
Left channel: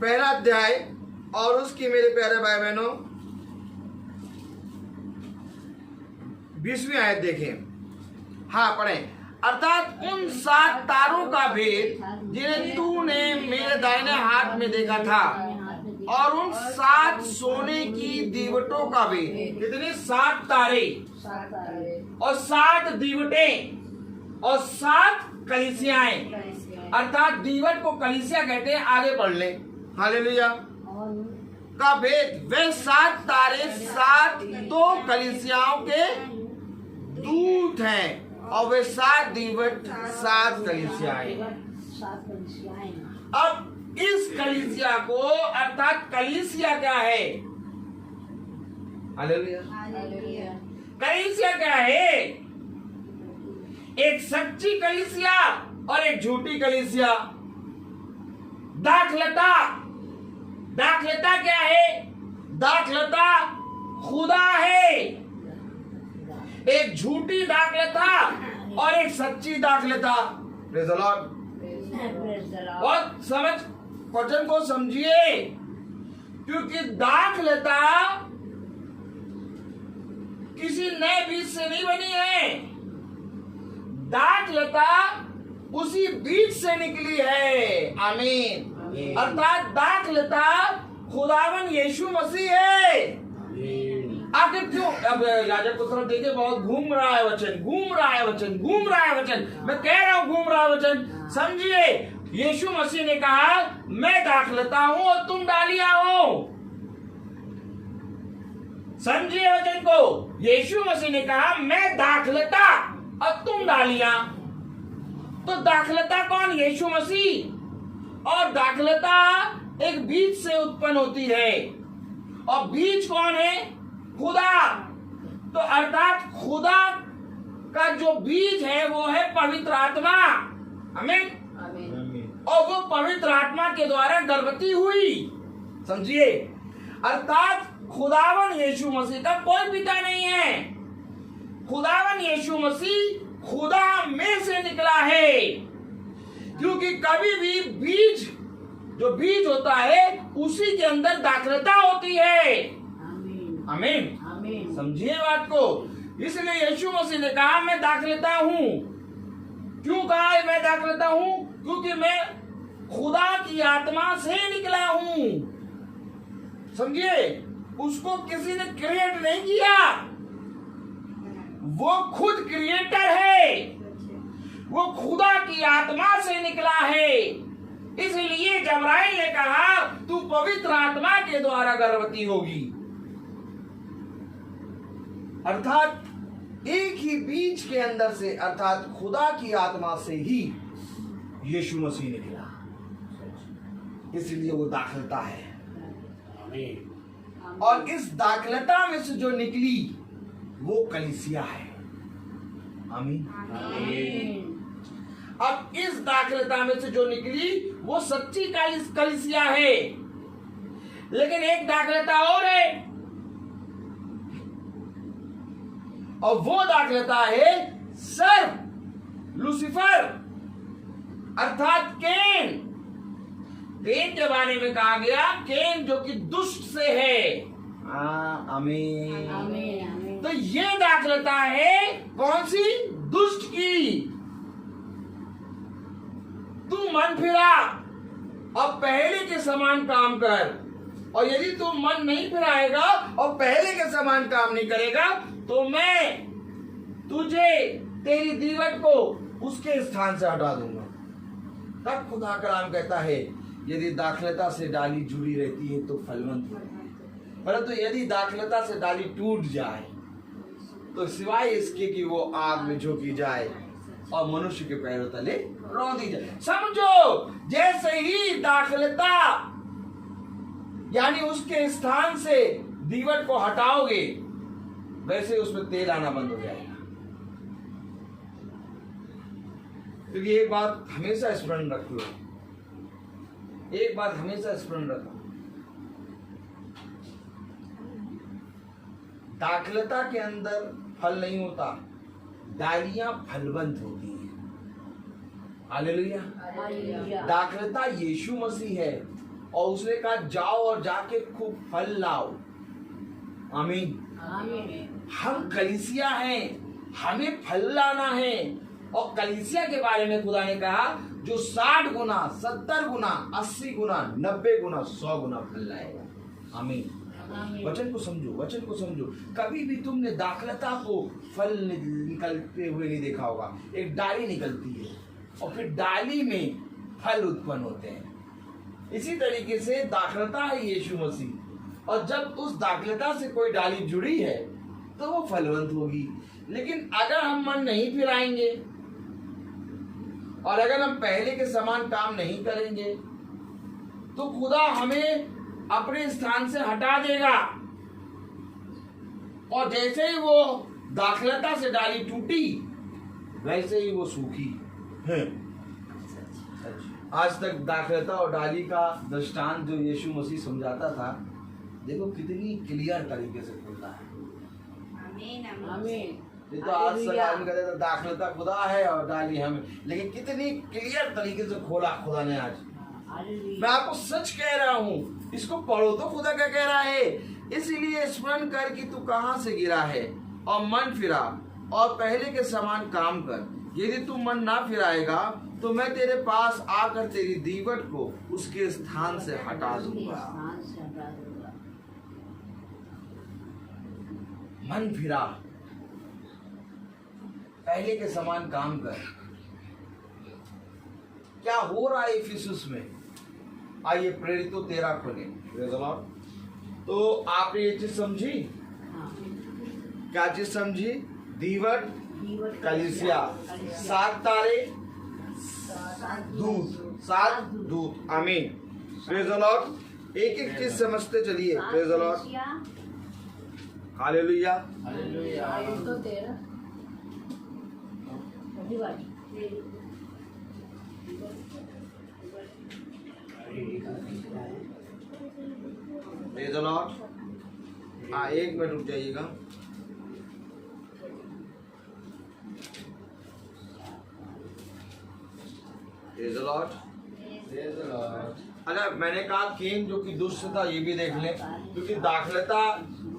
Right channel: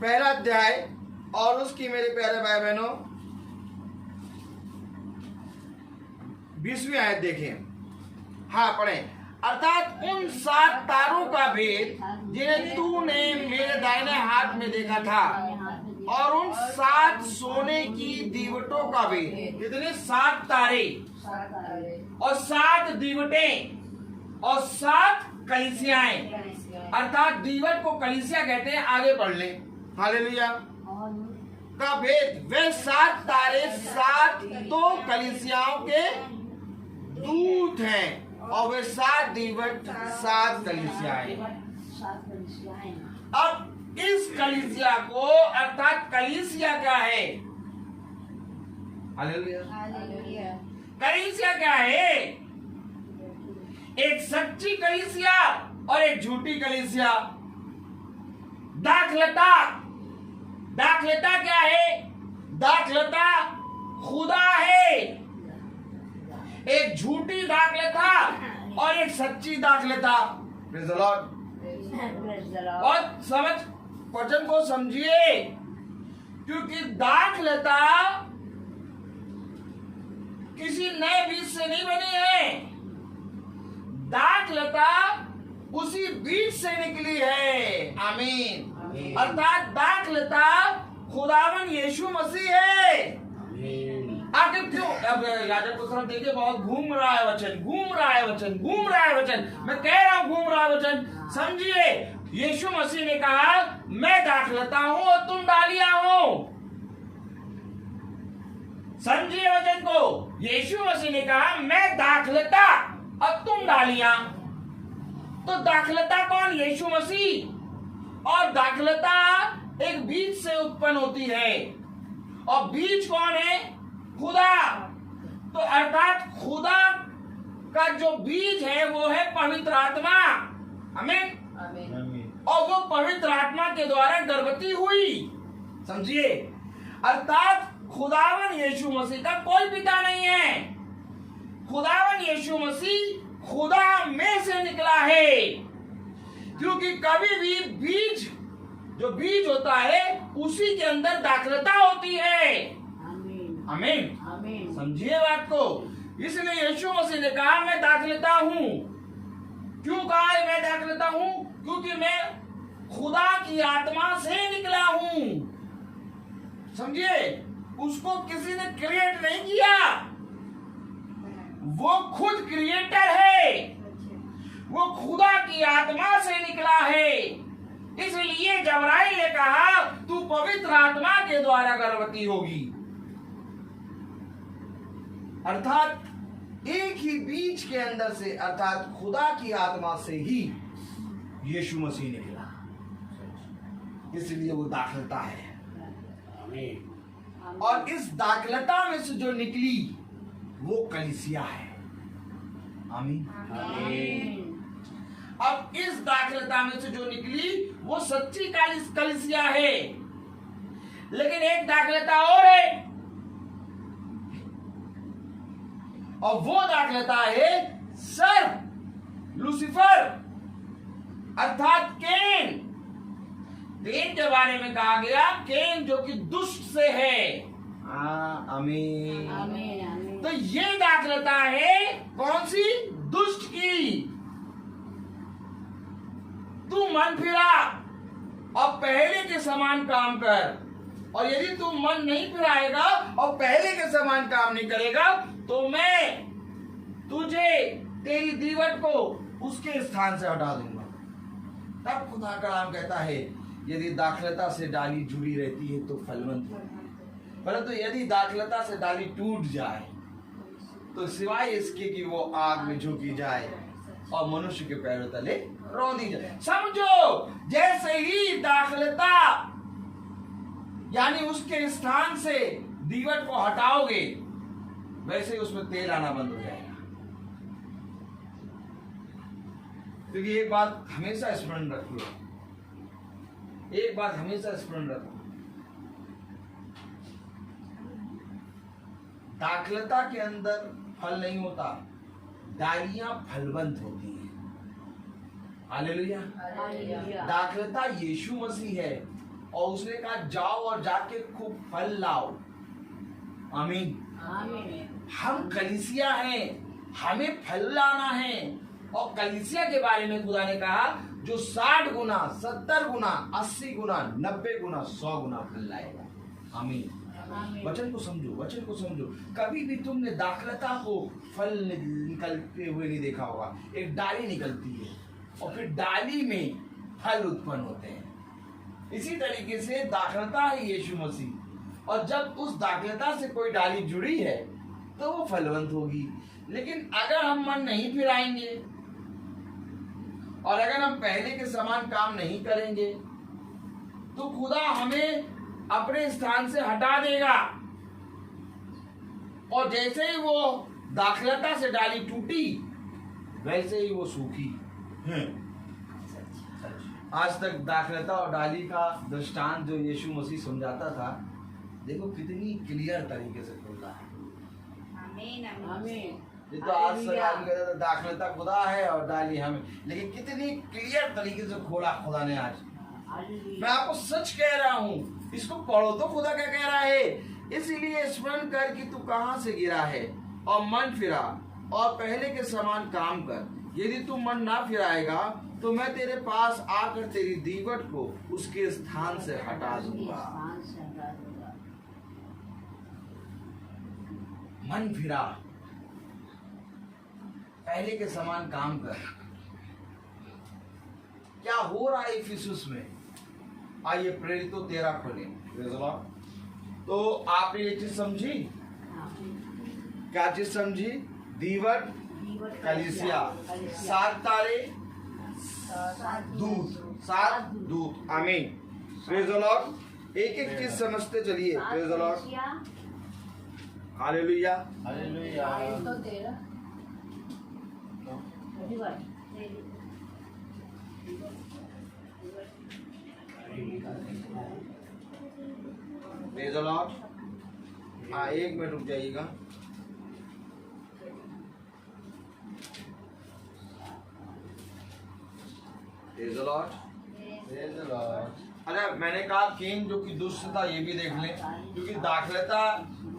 पहला अध्याय और उसकी मेरे प्यारे भाई बहनों 20वीं आयत देखें। हाँ पढ़ें। अर्थात उन 7 तारों का भेद जिन्हें तूने मेरे दाहिने हाथ में देखा था, और उन 7 सोने की दीवटों का भेद। कितने? 7 तारे और 7 दीवटें और 7 कलीसियाएं। अर्थात दीवट को कलीसिया कहते हैं। आगे पढ़ ले। हालेलुया। का भेद, वे 7 तारे 7 तो कलीसियाओं के दूत हैं और वे 7 दीवट 7 कलीसियाएं। अब इस कलीसिया को, अर्थात कलीसिया क्या है? हालेलुया। कलीसिया क्या है? एक सच्ची कलीसिया और एक झूठी कलीसिया। दाखलता, दाखलता क्या है? दाखलता खुदा है। एक झूठी दाखलता और एक सच्ची दाखलता। Praise the Lord. और समझ वचन को समझिए, क्योंकि दाखलता किसी नए बीज से नहीं बनी है। दाखलता उसी बीज से निकली है। आमीन। अर्थात दाखलता खुदावन यीशु मसीह है। आखिर क्यों? अब याजक को तरफ देखिए, बहुत घूम रहा है वचन, घूम रहा है वचन, घूम रहा है वचन। मैं कह रहा हूं घूम रहा है वचन। समझिए, यीशु मसीह ने कहा मैं दाखलता हूं और तुम डालियां हो। समझिए वचन को, यीशु मसीह ने कहा मैं दाखलता और तुम डालियां। तो दाखलता कौन? यीशु मसीह। और दाखलता एक बीज से उत्पन्न होती है, और बीज कौन है? खुदा। तो अर्थात खुदा का जो बीज है वो है पवित्र आत्मा। आमीन। और वो पवित्र आत्मा के द्वारा गर्भवती हुई। समझिए, अर्थात खुदावन यीशु मसीह का कोई पिता नहीं है। खुदावन यीशु मसीह खुदा में से निकला है, क्योंकि कभी भी बीज, जो बीज होता है उसी के अंदर दाखलता होती है। आमीन। समझिए बात को। इसलिए यीशु मसीह ने कहा मैं दाखलता हूं। क्यों कहा है मैं दाखलता हूं? क्योंकि मैं खुदा की आत्मा से निकला हूं। समझिए, उसको किसी ने क्रिएट नहीं किया, वो खुद क्रिएटर है। वो खुदा की आत्मा से निकला है। इसलिए जबराइल ने कहा तू पवित्र आत्मा के द्वारा गर्भवती होगी। अर्थात एक ही बीज के अंदर से, अर्थात खुदा की आत्मा से ही यीशु मसीह निकला। इसलिए वो दाखलता है। और इस दाखलता में से जो निकली वो कलीसिया है। आमीन। अब इस दाखलता में से जो निकली वो सच्ची कलीसिया है। लेकिन एक दाखलता और है, और वो दाखलता है सर्प, लूसीफर, अर्थात केन। केन के बारे में कहा गया केन जो कि दुष्ट से है। आमीन। तो ये दाखलता है कौन सी? दुष्ट की। तू मन फिरा और पहले के समान काम कर, और यदि तू मन नहीं फिराएगा और पहले के समान काम नहीं करेगा तो मैं तुझे, तेरी दीवट को उसके स्थान से हटा दूंगा। तब खुदा कलाम कहता है यदि दाखलता से डाली जुड़ी रहती है तो फलवंत है, परंतु यदि दाखलता से डाली टूट जाए तो सिवाय इसके कि वो आग में झोंकी जाए और मनुष्य के पैरों तले रौंदी जाए। समझो, जैसे ही दाखलता यानी उसके स्थान से दीवट को हटाओगे वैसे ही उसमें तेल आना बंद हो जाएगा। क्योंकि एक बात हमेशा स्मरण रखो, एक बात हमेशा स्मरण रखो, दाखलता के अंदर फल नहीं होता, डालियां फलवंत होती हैं। हालेलुया। दाखलता यीशु मसीह है और उसने कहा जाओ और जाके खूब फल लाओ। आमीन। हम कलीसिया हैं, हमें फल लाना है। और कलीसिया के बारे में खुदा ने कहा जो 60 गुना, 70 गुना, 80 गुना, 90 गुना, 100 गुना फल लाएगा। आमीन। वचन को समझो, वचन को समझो। कभी भी तुमने दाखलता को फल निकलते हुए नहीं देखा होगा। एक डाली निकलती है और फिर डाली में फल उत्पन्न होते हैं। इसी तरीके से दाखलता है यीशु मसीह, और जब उस दाखलता से कोई डाली जुड़ी है तो वो फलवंत होगी। लेकिन अगर हम मन नहीं फिराएंगे और अगर हम पहले के समान काम नहीं करेंगे तो खुदा हमें अपने स्थान से हटा देगा। और जैसे ही वो दाखलता से डाली टूटी वैसे ही वो सूखी। आज तक दाखलता और डाली का दृष्टांत जो यीशु मसीह समझाता था, देखो कितनी क्लियर तरीके से खोल रहा है। आमीन। ये तो आज तक आदमी कहता था दाखलता खुदा है और डाली हमें, लेकिन कितनी क्लियर तरीके से खोला खुदा ने आज। मैं आपको सच कह रहा हूँ, इसको पढ़ो तो खुदा क्या कह रहा है। इसीलिए स्मरण कर कि तू कहाँ से गिरा है और मन फिरा और पहले के समान काम कर। यदि तू मन ना फिराएगा तो मैं तेरे पास आकर तेरी दीवट को उसके स्थान से हटा दूंगा। मन फिरा, पहले के समान काम कर। क्या हो रहा है इफिसुस में? आइए प्रेरितों 13 खोले। तो आपने ये चीज समझी? क्या चीज समझी? दीवट कलीसिया, 7 तारे, दूत, 7 दूत। आमीन। Praise the Lord. एक एक चीज समझते चलिए। Praise the Lord. Hallelujah. Praise the Lord. हाँ, 1 मिनट रुक जाइएगा। Praise the Lord. Praise the Lord. अच्छा, मैंने कहा केन जो कि दुष्ट था, ये भी देख लें, क्योंकि दाखलता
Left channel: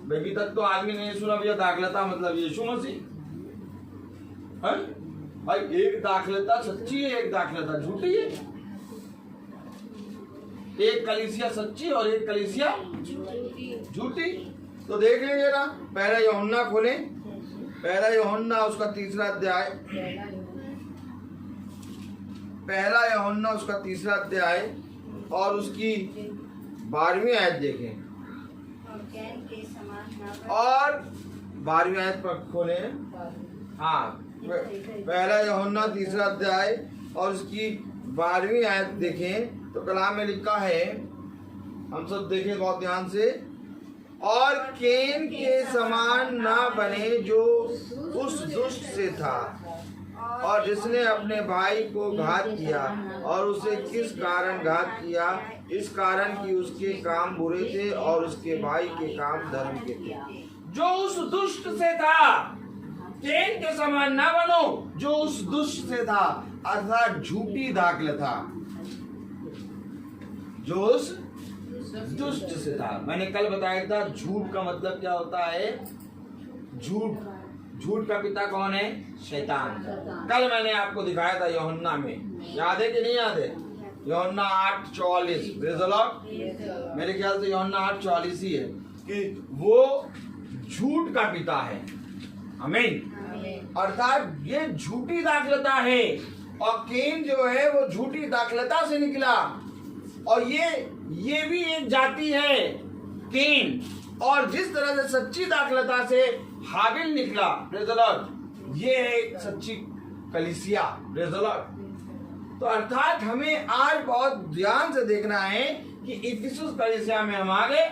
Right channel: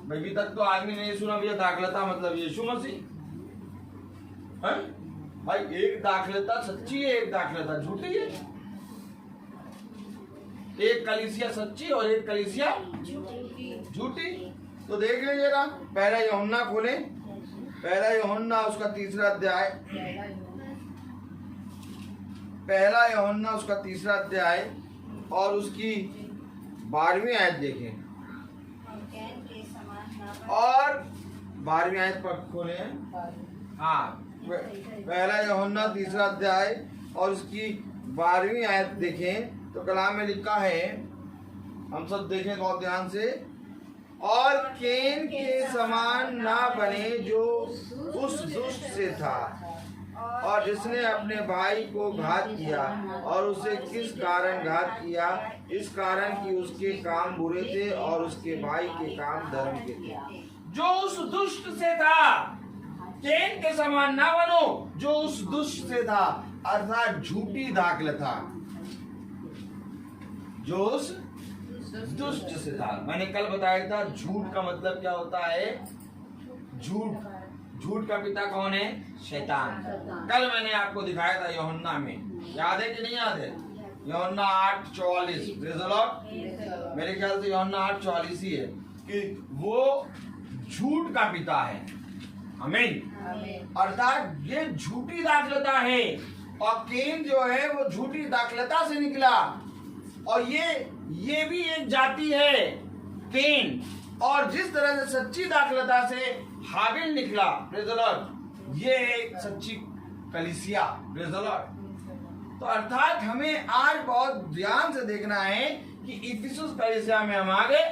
अभी तक तो आदमी नहीं सुना भैया दाखलता मतलब यीशु मसीह है भाई। एक दाखलता सच्ची है, एक दाखलता झूठी है। एक कलीसिया सच्ची और एक कलीसिया झूठी। तो देख लीजिए ना, पहला यूहन्ना खोले, पहला यूहन्ना उसका 3रा अध्याय, पहला यूहन्ना उसका 3रा अध्याय और उसकी 12वीं आयत देखें। और 12वीं आयत पर खोले। हाँ, पहला यूहन्ना 3रा अध्याय और उसकी 12वीं आयत देखें तो कलाम में लिखा है, हम सब देखें बहुत ध्यान से। और केन के समान ना बने जो उस दुष्ट से था, और जिसने अपने भाई को घात किया। और उसे किस कारण घात किया? इस कारण कि उसके काम बुरे थे और उसके भाई के काम धर्म के थे। जो उस दुष्ट से था, केन के समान ना बनो। जो उस दुष्ट से था अर्थात झूठी दाखलता, जो उस दुष्ट से था। मैंने कल बताया था झूठ का मतलब क्या होता है। झूठ का पिता कौन है? शैतान। कल मैंने आपको दिखाया था यूहन्ना में, याद है कि नहीं याद है? यूहन्ना 8:44। Praise the Lord. मेरे ख्याल से यूहन्ना 8:44 ही है कि वो झूठ का पिता है। आमीन। अर्थात ये झूठी दाखलता है, और केन जो है वो झूठी दाखलता से निकला। और ये भी एक जाति है केन। और जिस तरह से सच्ची दाखलता से हाबिल निकला, प्रेज़ द लॉर्ड, ये एक सच्ची कलीसिया। Praise the Lord. तो अर्थात हमें आज बहुत ध्यान से देखना है कि इफिसुस कलीसिया में हम आ गए।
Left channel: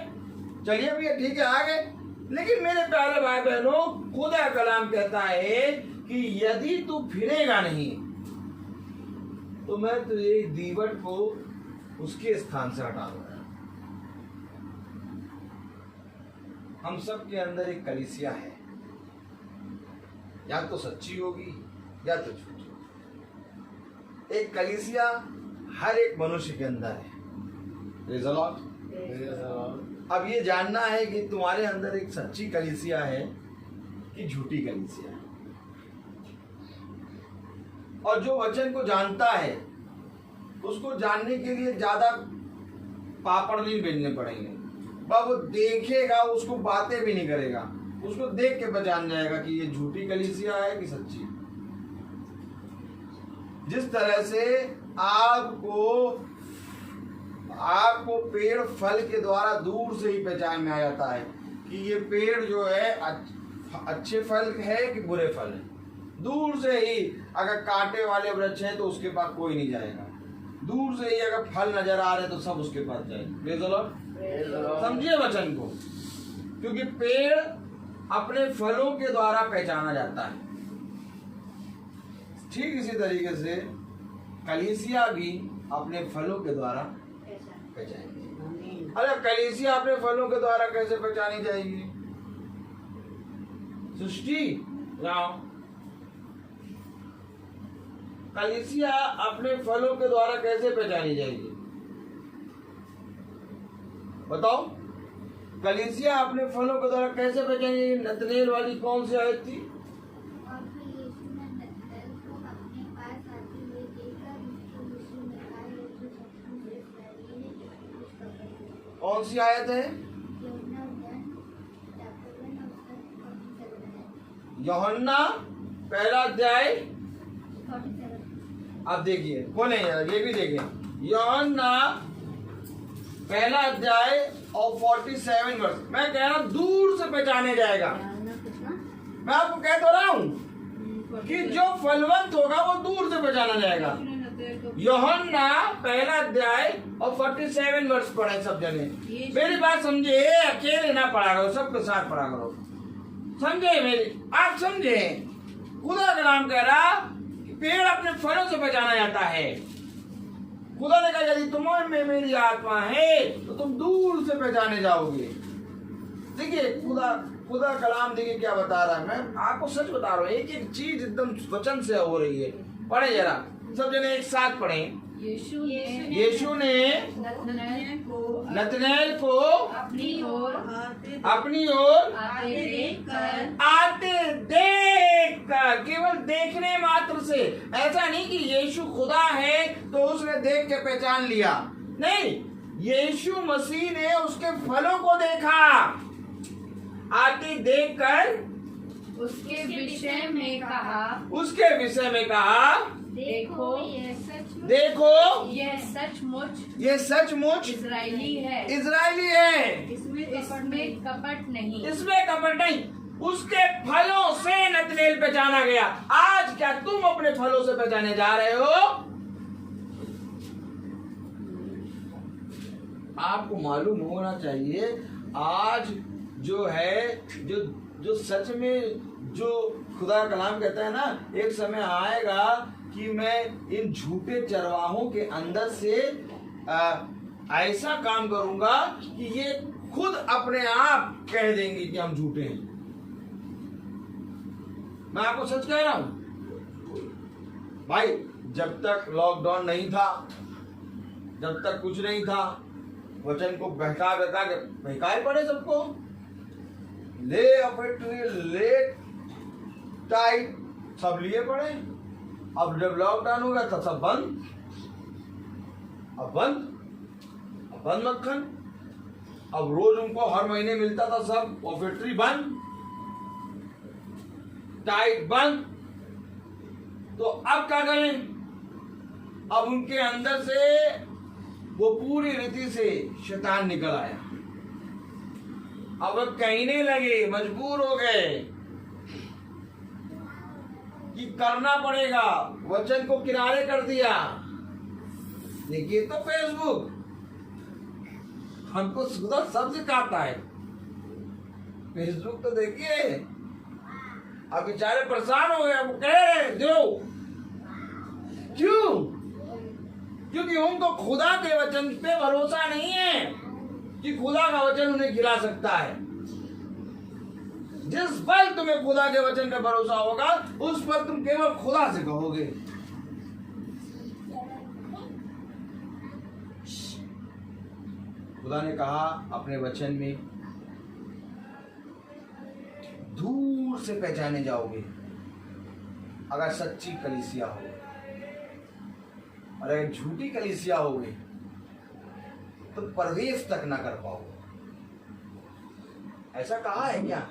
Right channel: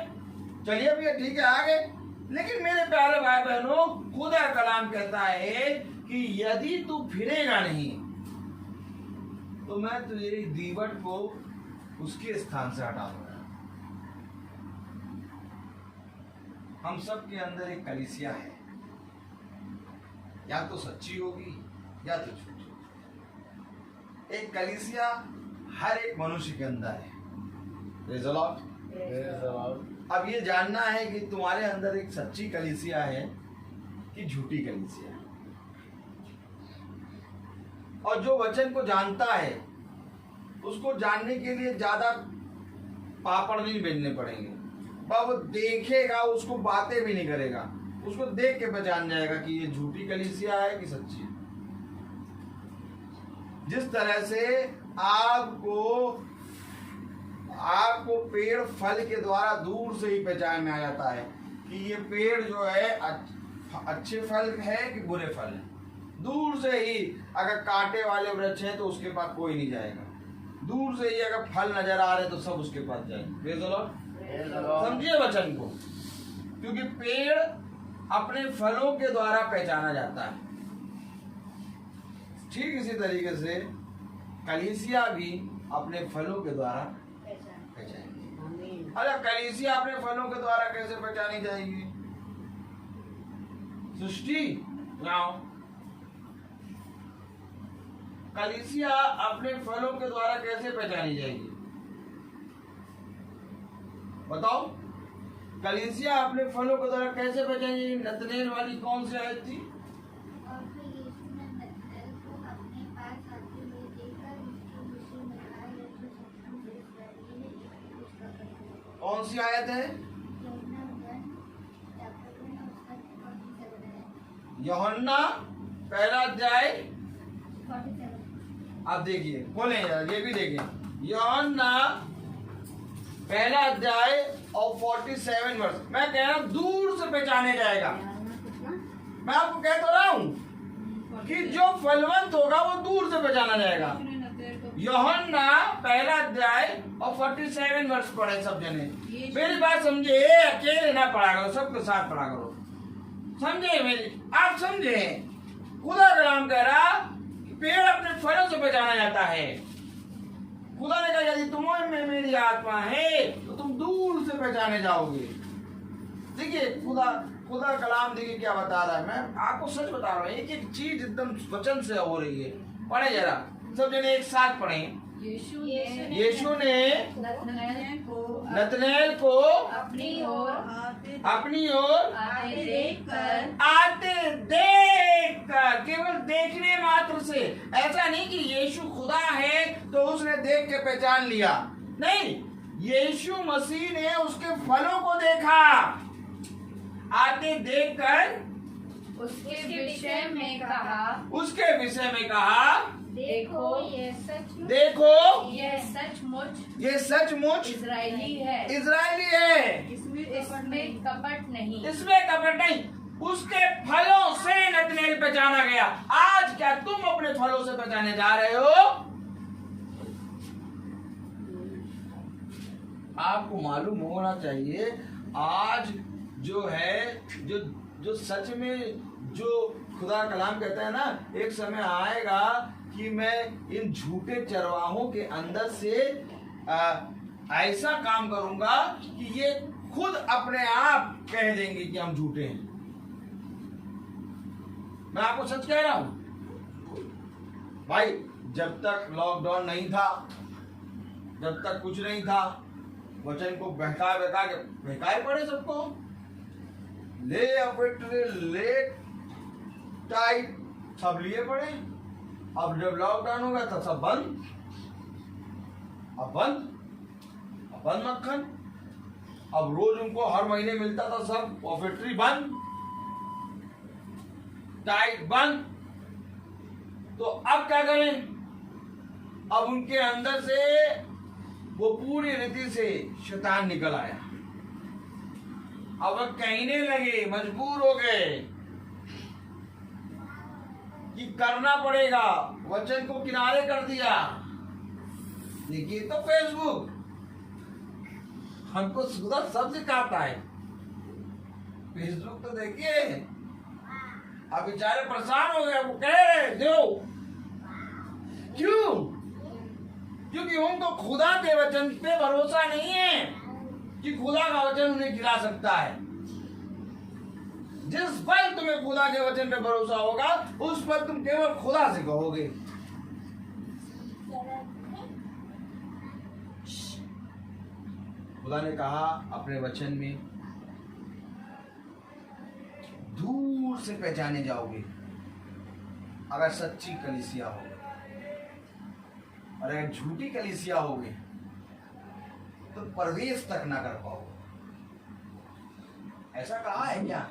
चलिए भैया ठीक है आ गए, लेकिन मेरे प्यारे भाई बहनों, खुदा कलाम कहता है कि यदि तू फिरेगा नहीं तो मैं तुझे दीवट को उसके स्थान से हटा दूंगा। हम सब के अंदर एक कलीसिया है, या तो सच्ची होगी या तो झूठी होगी। एक कलीसिया हर एक मनुष्य के अंदर है। Praise the Lord. Praise the Lord. अब ये जानना है कि तुम्हारे अंदर एक सच्ची कलीसिया है कि झूठी कलीसिया है। और जो वचन को जानता है उसको जानने के लिए ज्यादा पापड़ नहीं बेलने पड़ेंगे। वो देखेगा, उसको बातें भी नहीं करेगा, उसको देख के पहचान जाएगा कि ये झूठी कलीसिया है कि सच्ची। जिस तरह से आपको पेड़ फल के द्वारा दूर से ही पहचान में आ जाता है कि ये पेड़ जो है अच्छे फल है कि बुरे फल है। दूर से ही अगर कांटे वाले वृक्ष है तो उसके पास कोई नहीं जाएगा। दूर से ही अगर फल नजर आ रहे तो सब उसके पास जाएंगे। समझिए वचन को, क्योंकि पेड़ अपने फलों के द्वारा पहचाना जाता है। ठीक इसी तरीके से कलीसिया भी अपने फलों के द्वारा पहचानेगी। अरे कलीसिया अपने फलों के द्वारा कैसे पहचानी जाएगी? सृष्टि कलीसिया अपने फलों के द्वारा कैसे पहचानी जाएगी? बताओ, कलीसिया अपने फलों के द्वारा कैसे पहचानी जाएगी? नतनेल वाली कौन सी आयत थी? और फिर यीशु ने नतनएल को अपने पास आते हुए देखा, जिसके यीशु ने कहा, "यह तो सचमुच इस्राएली है, जिसने उसका परिचय दिया।" कौन सी आयत है? यूहन्ना 10:51 उसका 54 यूहन्ना पहला अध्याय, 47 अब देखिए खोलें जरा, ये भी देखें। यूहन्ना पहला अध्याय और 47 वर्ष। मैं कह रहा हूं दूर से पहचाने जाएगा। मैं आपको कह तो रहा हूं कि जो फलवंत होगा वो दूर से पहचाना जाएगा। यूहन्ना पहला अध्याय और 47 वर्ष पढ़े सब जने। मेरी बात समझे, अकेले ना पढ़ा करो, सबके साथ पढ़ा करो। समझे मेरी, आप समझे? खुदा का नाम कह रहा कि पेड़ अपने फलों से पहचाना जाता है। खुदा ने कहा यदि तुम्हारे में मेरी आत्मा है तो तुम दूर से पहचाने जाओगे। देखिए खुदा कलाम देखिए क्या बता रहा है। मैं आपको सच बता रहा हूँ, एक एक चीज एकदम वचन से हो रही है। पढ़े जरा सब जने एक साथ पढ़ें। यीशु ने नतनएल को अपनी ओर आते देख कर, केवल देखने मात्र से, ऐसा नहीं कि यीशु खुदा है तो उसने देख के पहचान लिया, नहीं, यीशु मसीह ने उसके फलों को देखा। आते देख कर उसके विषय में कहा, देखो ये सचमुच इजरायली है, इसमें कपट नहीं। उसके फलों से नतनेल पहचाना गया। आज क्या तुम अपने फलों से पहचाने जा रहे हो? आपको मालूम होना चाहिए आज जो है, जो सच में जो खुदा का कलाम कहता है ना, एक समय आएगा कि मैं इन झूठे चरवाहों के अंदर से ऐसा काम करूंगा कि ये खुद अपने आप कह देंगे कि हम झूठे हैं। मैं आपको सच कह रहा हूं भाई, जब तक लॉकडाउन नहीं था, जब तक कुछ नहीं था, वचन को बहकाए पड़े सबको, ले टाइट सब लिए पड़े। अब जब लॉकडाउन हो गया तो सब बंद, अब बंद मक्खन। अब रोज उनको हर महीने मिलता था सब, और फैक्ट्री बंद, टाइट बंद। तो अब क्या करें? अब उनके अंदर से वो पूरी रीति से शैतान निकल आया। अब कहने लगे, मजबूर हो गए कि करना पड़ेगा, वचन को किनारे कर दिया। देखिए तो फेसबुक हमको खुदा सब सिखाता है। फेसबुक तो देखिए, अब बेचारे परेशान हो गए, वो कह रहे दो। क्यों? क्योंकि उनको खुदा के वचन पे भरोसा नहीं है कि खुदा का वचन उन्हें गिरा सकता है। जिस पल तुम्हें खुदा के वचन पे भरोसा होगा, उस पर तुम केवल खुदा से कहोगे। खुदा ने कहा अपने वचन में, दूर से पहचाने जाओगे अगर सच्ची कलीसिया हो, और अगर झूठी कलीसिया होगी तो प्रवेश तक ना कर पाओगे। ऐसा कहा है क्या?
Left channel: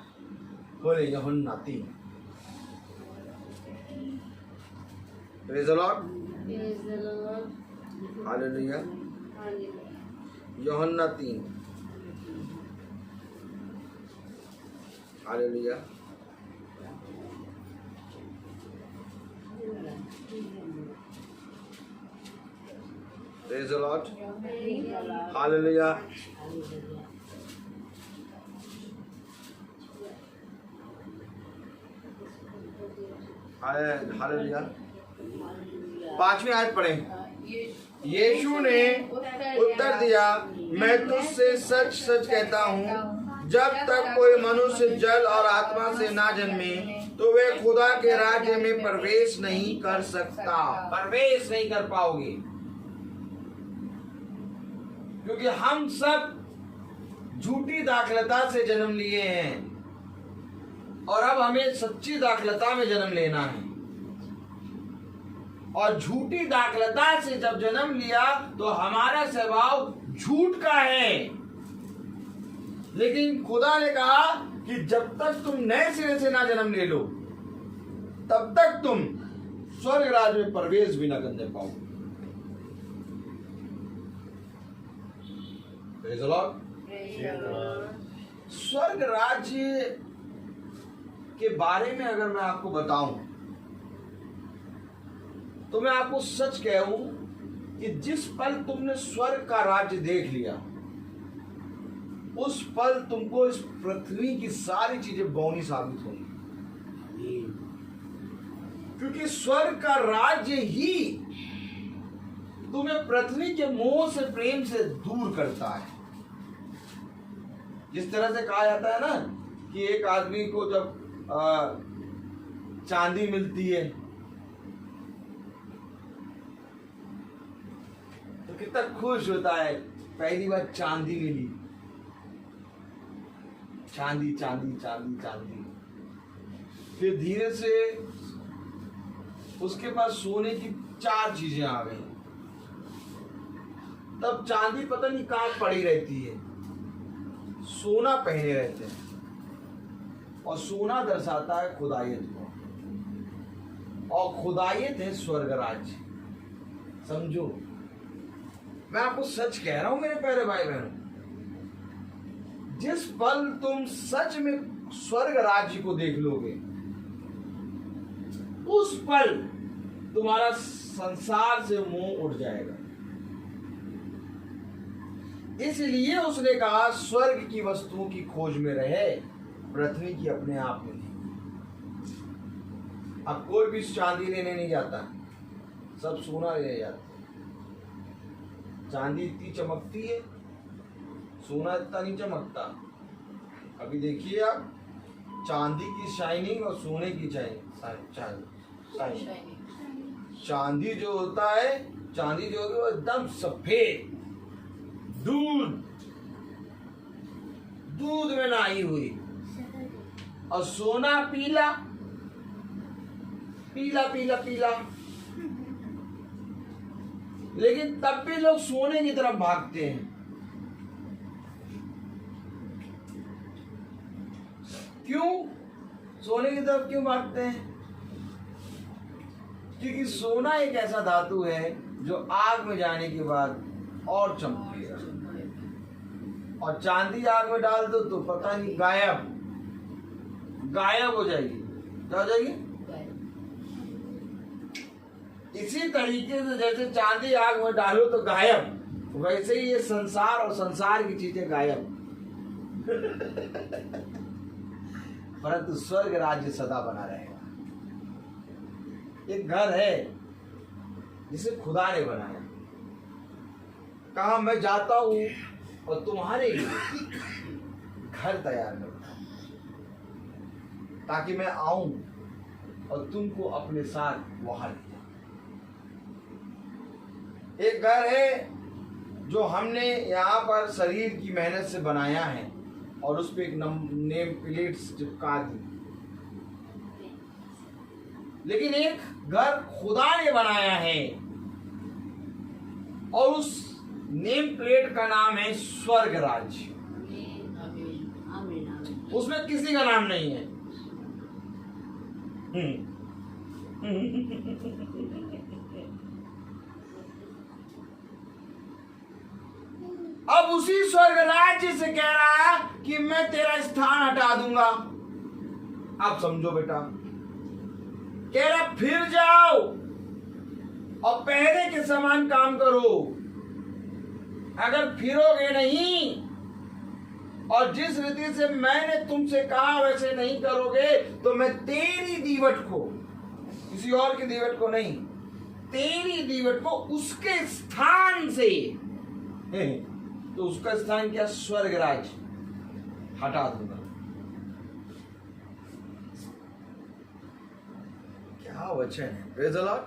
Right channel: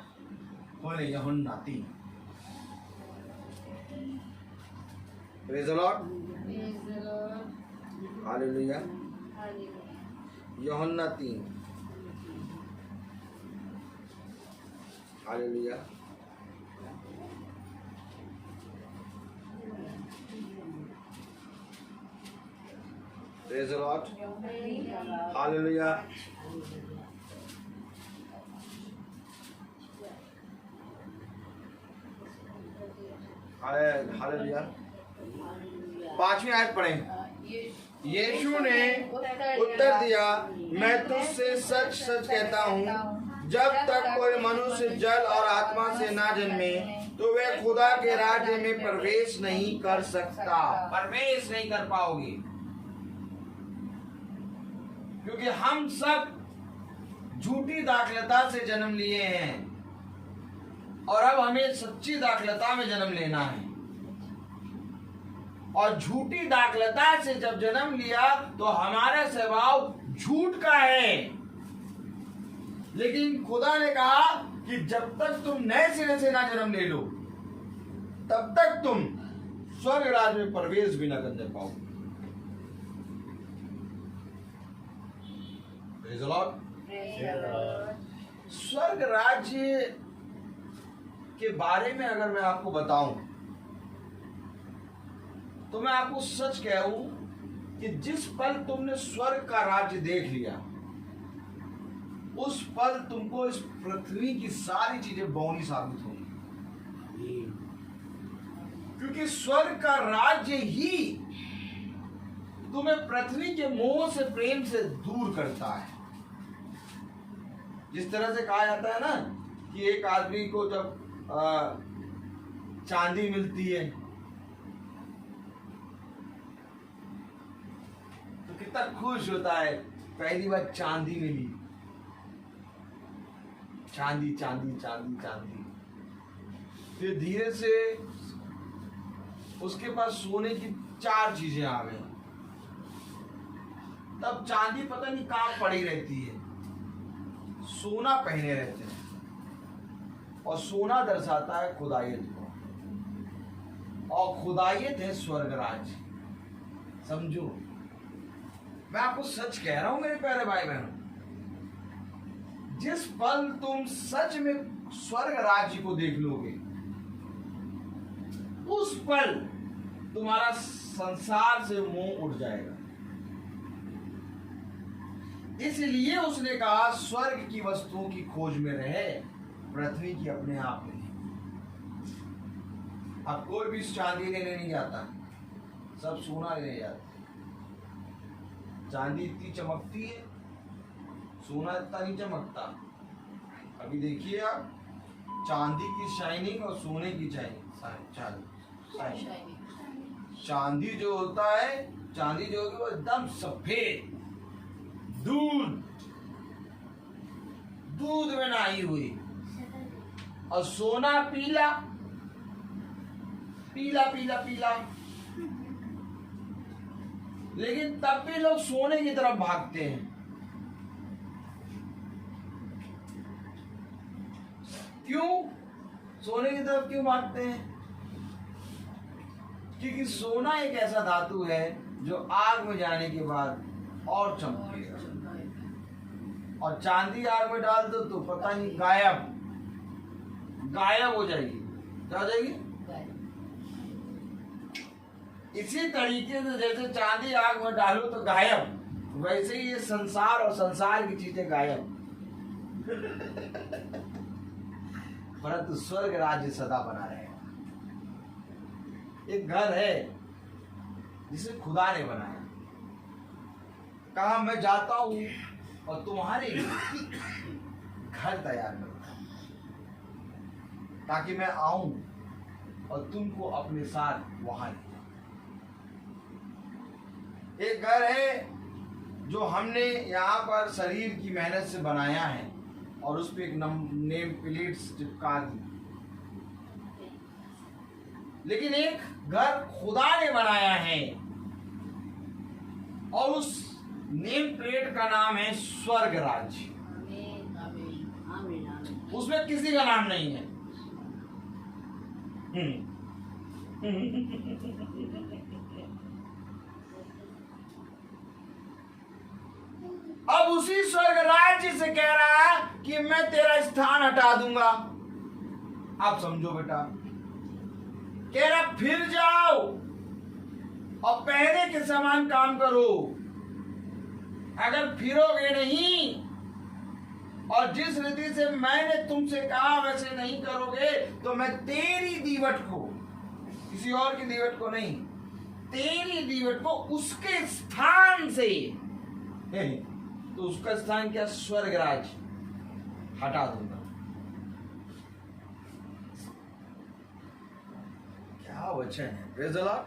बोले Yuhanna 3। Praise the Lord, hallelujah. Yuhanna 3, hallelujah. Praise the Lord, hallelujah. Hallelujah. 5वीं आयत पढ़ें। यीशु ने उत्तर दिया, मैं तुझसे सच सच कहता हूँ, जब तक कोई मनुष्य जल और आत्मा से ना जन्मे तो वे खुदा के राज्य में प्रवेश नहीं कर सकता। प्रवेश नहीं कर पाओगे, क्योंकि हम सब झूठी दाखलता से जन्म लिए हैं और अब हमें सच्ची दाखलता में जन्म लेना है। और झूठी दाखलता से जब जन्म लिया तो हमारा स्वभाव झूठ का है। लेकिन खुदा ने कहा कि जब तक तुम नए सिरे से ना जन्म ले लो तब तक तुम स्वर्ग राज्य में प्रवेश भी न करने पाओगे। Praise the Lord। स्वर्ग राज्य के बारे में अगर मैं आपको बताऊं तो मैं आपको सच कहूं कि जिस पल तुमने स्वर्ग का राज्य देख लिया उस पल तुमको इस पृथ्वी की सारी चीजें बौनी साबित होंगी, क्योंकि स्वर्ग का राज्य ही तुम्हें पृथ्वी के मोह से प्रेम से दूर करता है। जिस तरह से कहा जाता है ना कि एक आदमी को जब चांदी मिलती है तो कितना खुश होता है, पहली बार चांदी मिली, चांदी चांदी चांदी चांदी। फिर धीरे से उसके पास सोने की 4 चीजें आ गई, तब चांदी पता नहीं कहां पड़ी रहती है, सोना पहने रहते हैं और सोना दर्शाता है खुदायत को, और खुदायत है स्वर्ग राज्य। समझो, मैं आपको सच कह रहा हूं मेरे प्यारे भाई बहनों, जिस पल तुम सच में स्वर्ग राज्य को देख लोगे उस पल तुम्हारा संसार से मोह उठ जाएगा। इसलिए उसने कहा स्वर्ग की वस्तुओं की खोज में रहे, पृथ्वी की अपने आप में नहीं। अब कोई भी चांदी लेने नहीं जाता, सब सोना लेने जाता। चांदी इतनी चमकती है, सोना इतना नहीं चमकता। अभी देखिए आप, चांदी की शाइनिंग और सोने की शाइनिंग। चांदी जो होता है, चांदी जो होगी वो एकदम सफेद, दूध में नहाई हुई, और सोना पीला पीला पीला पीला। लेकिन तब भी लोग सोने की तरफ भागते हैं। क्यों सोने की तरफ क्यों भागते हैं? क्योंकि सोना एक ऐसा धातु है जो आग में जाने के बाद और चमकेगा, और चांदी आग में डाल दो तो पता नहीं गायब हो जाएगी। क्या हो जाएगी? इसी तरीके से जैसे चांदी आग में डालो तो गायब, वैसे ही ये संसार और संसार की चीजें गायब। परंतु स्वर्ग राज्य सदा बना रहेगा। एक घर है जिसे खुदा ने बनाया, कहा मैं जाता हूं और तुम्हारे लिए घर तैयार करता हूं, ताकि मैं आऊं और तुमको अपने साथ वहां ले जाऊं। एक घर है जो हमने यहाँ पर शरीर की मेहनत से बनाया है और उस पर एक नेम प्लेट्स चिपका दी, लेकिन एक घर खुदा ने बनाया है और उस नेम प्लेट का नाम है स्वर्ग राज्य। उसमें किसी का नाम नहीं है। अब उसी स्वर्ग राज्य से कह रहा है कि मैं तेरा स्थान हटा दूंगा। आप समझो बेटा, कह रहा फिर जाओ और पहले के समान काम करो। अगर फिरोगे नहीं और जिस रीति से मैंने तुमसे कहा वैसे नहीं करोगे तो मैं तेरी दीवट को, किसी और की दीवट को नहीं, तेरी दीवट को उसके स्थान से, तो उसका स्थान क्या? स्वर्ग राज हटा दूंगा। क्या वचन है! Praise the Lord,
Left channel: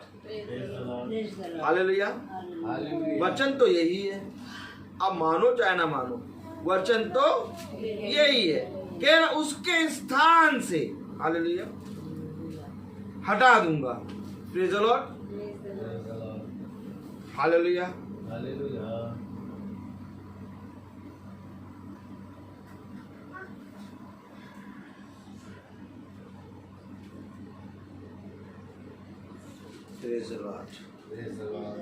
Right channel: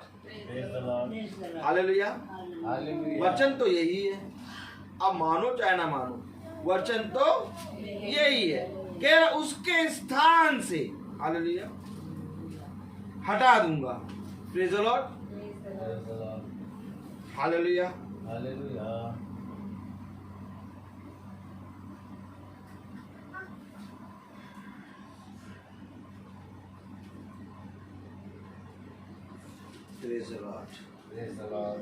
hallelujah. वचन तो यही है, अब मानो चाहे ना मानो, वचन तो यही है। कह रहा उसके स्थान से, हालेलुया, हटा दूंगा। Praise the Lord, hallelujah. Praise the Lord. Praise the Lord.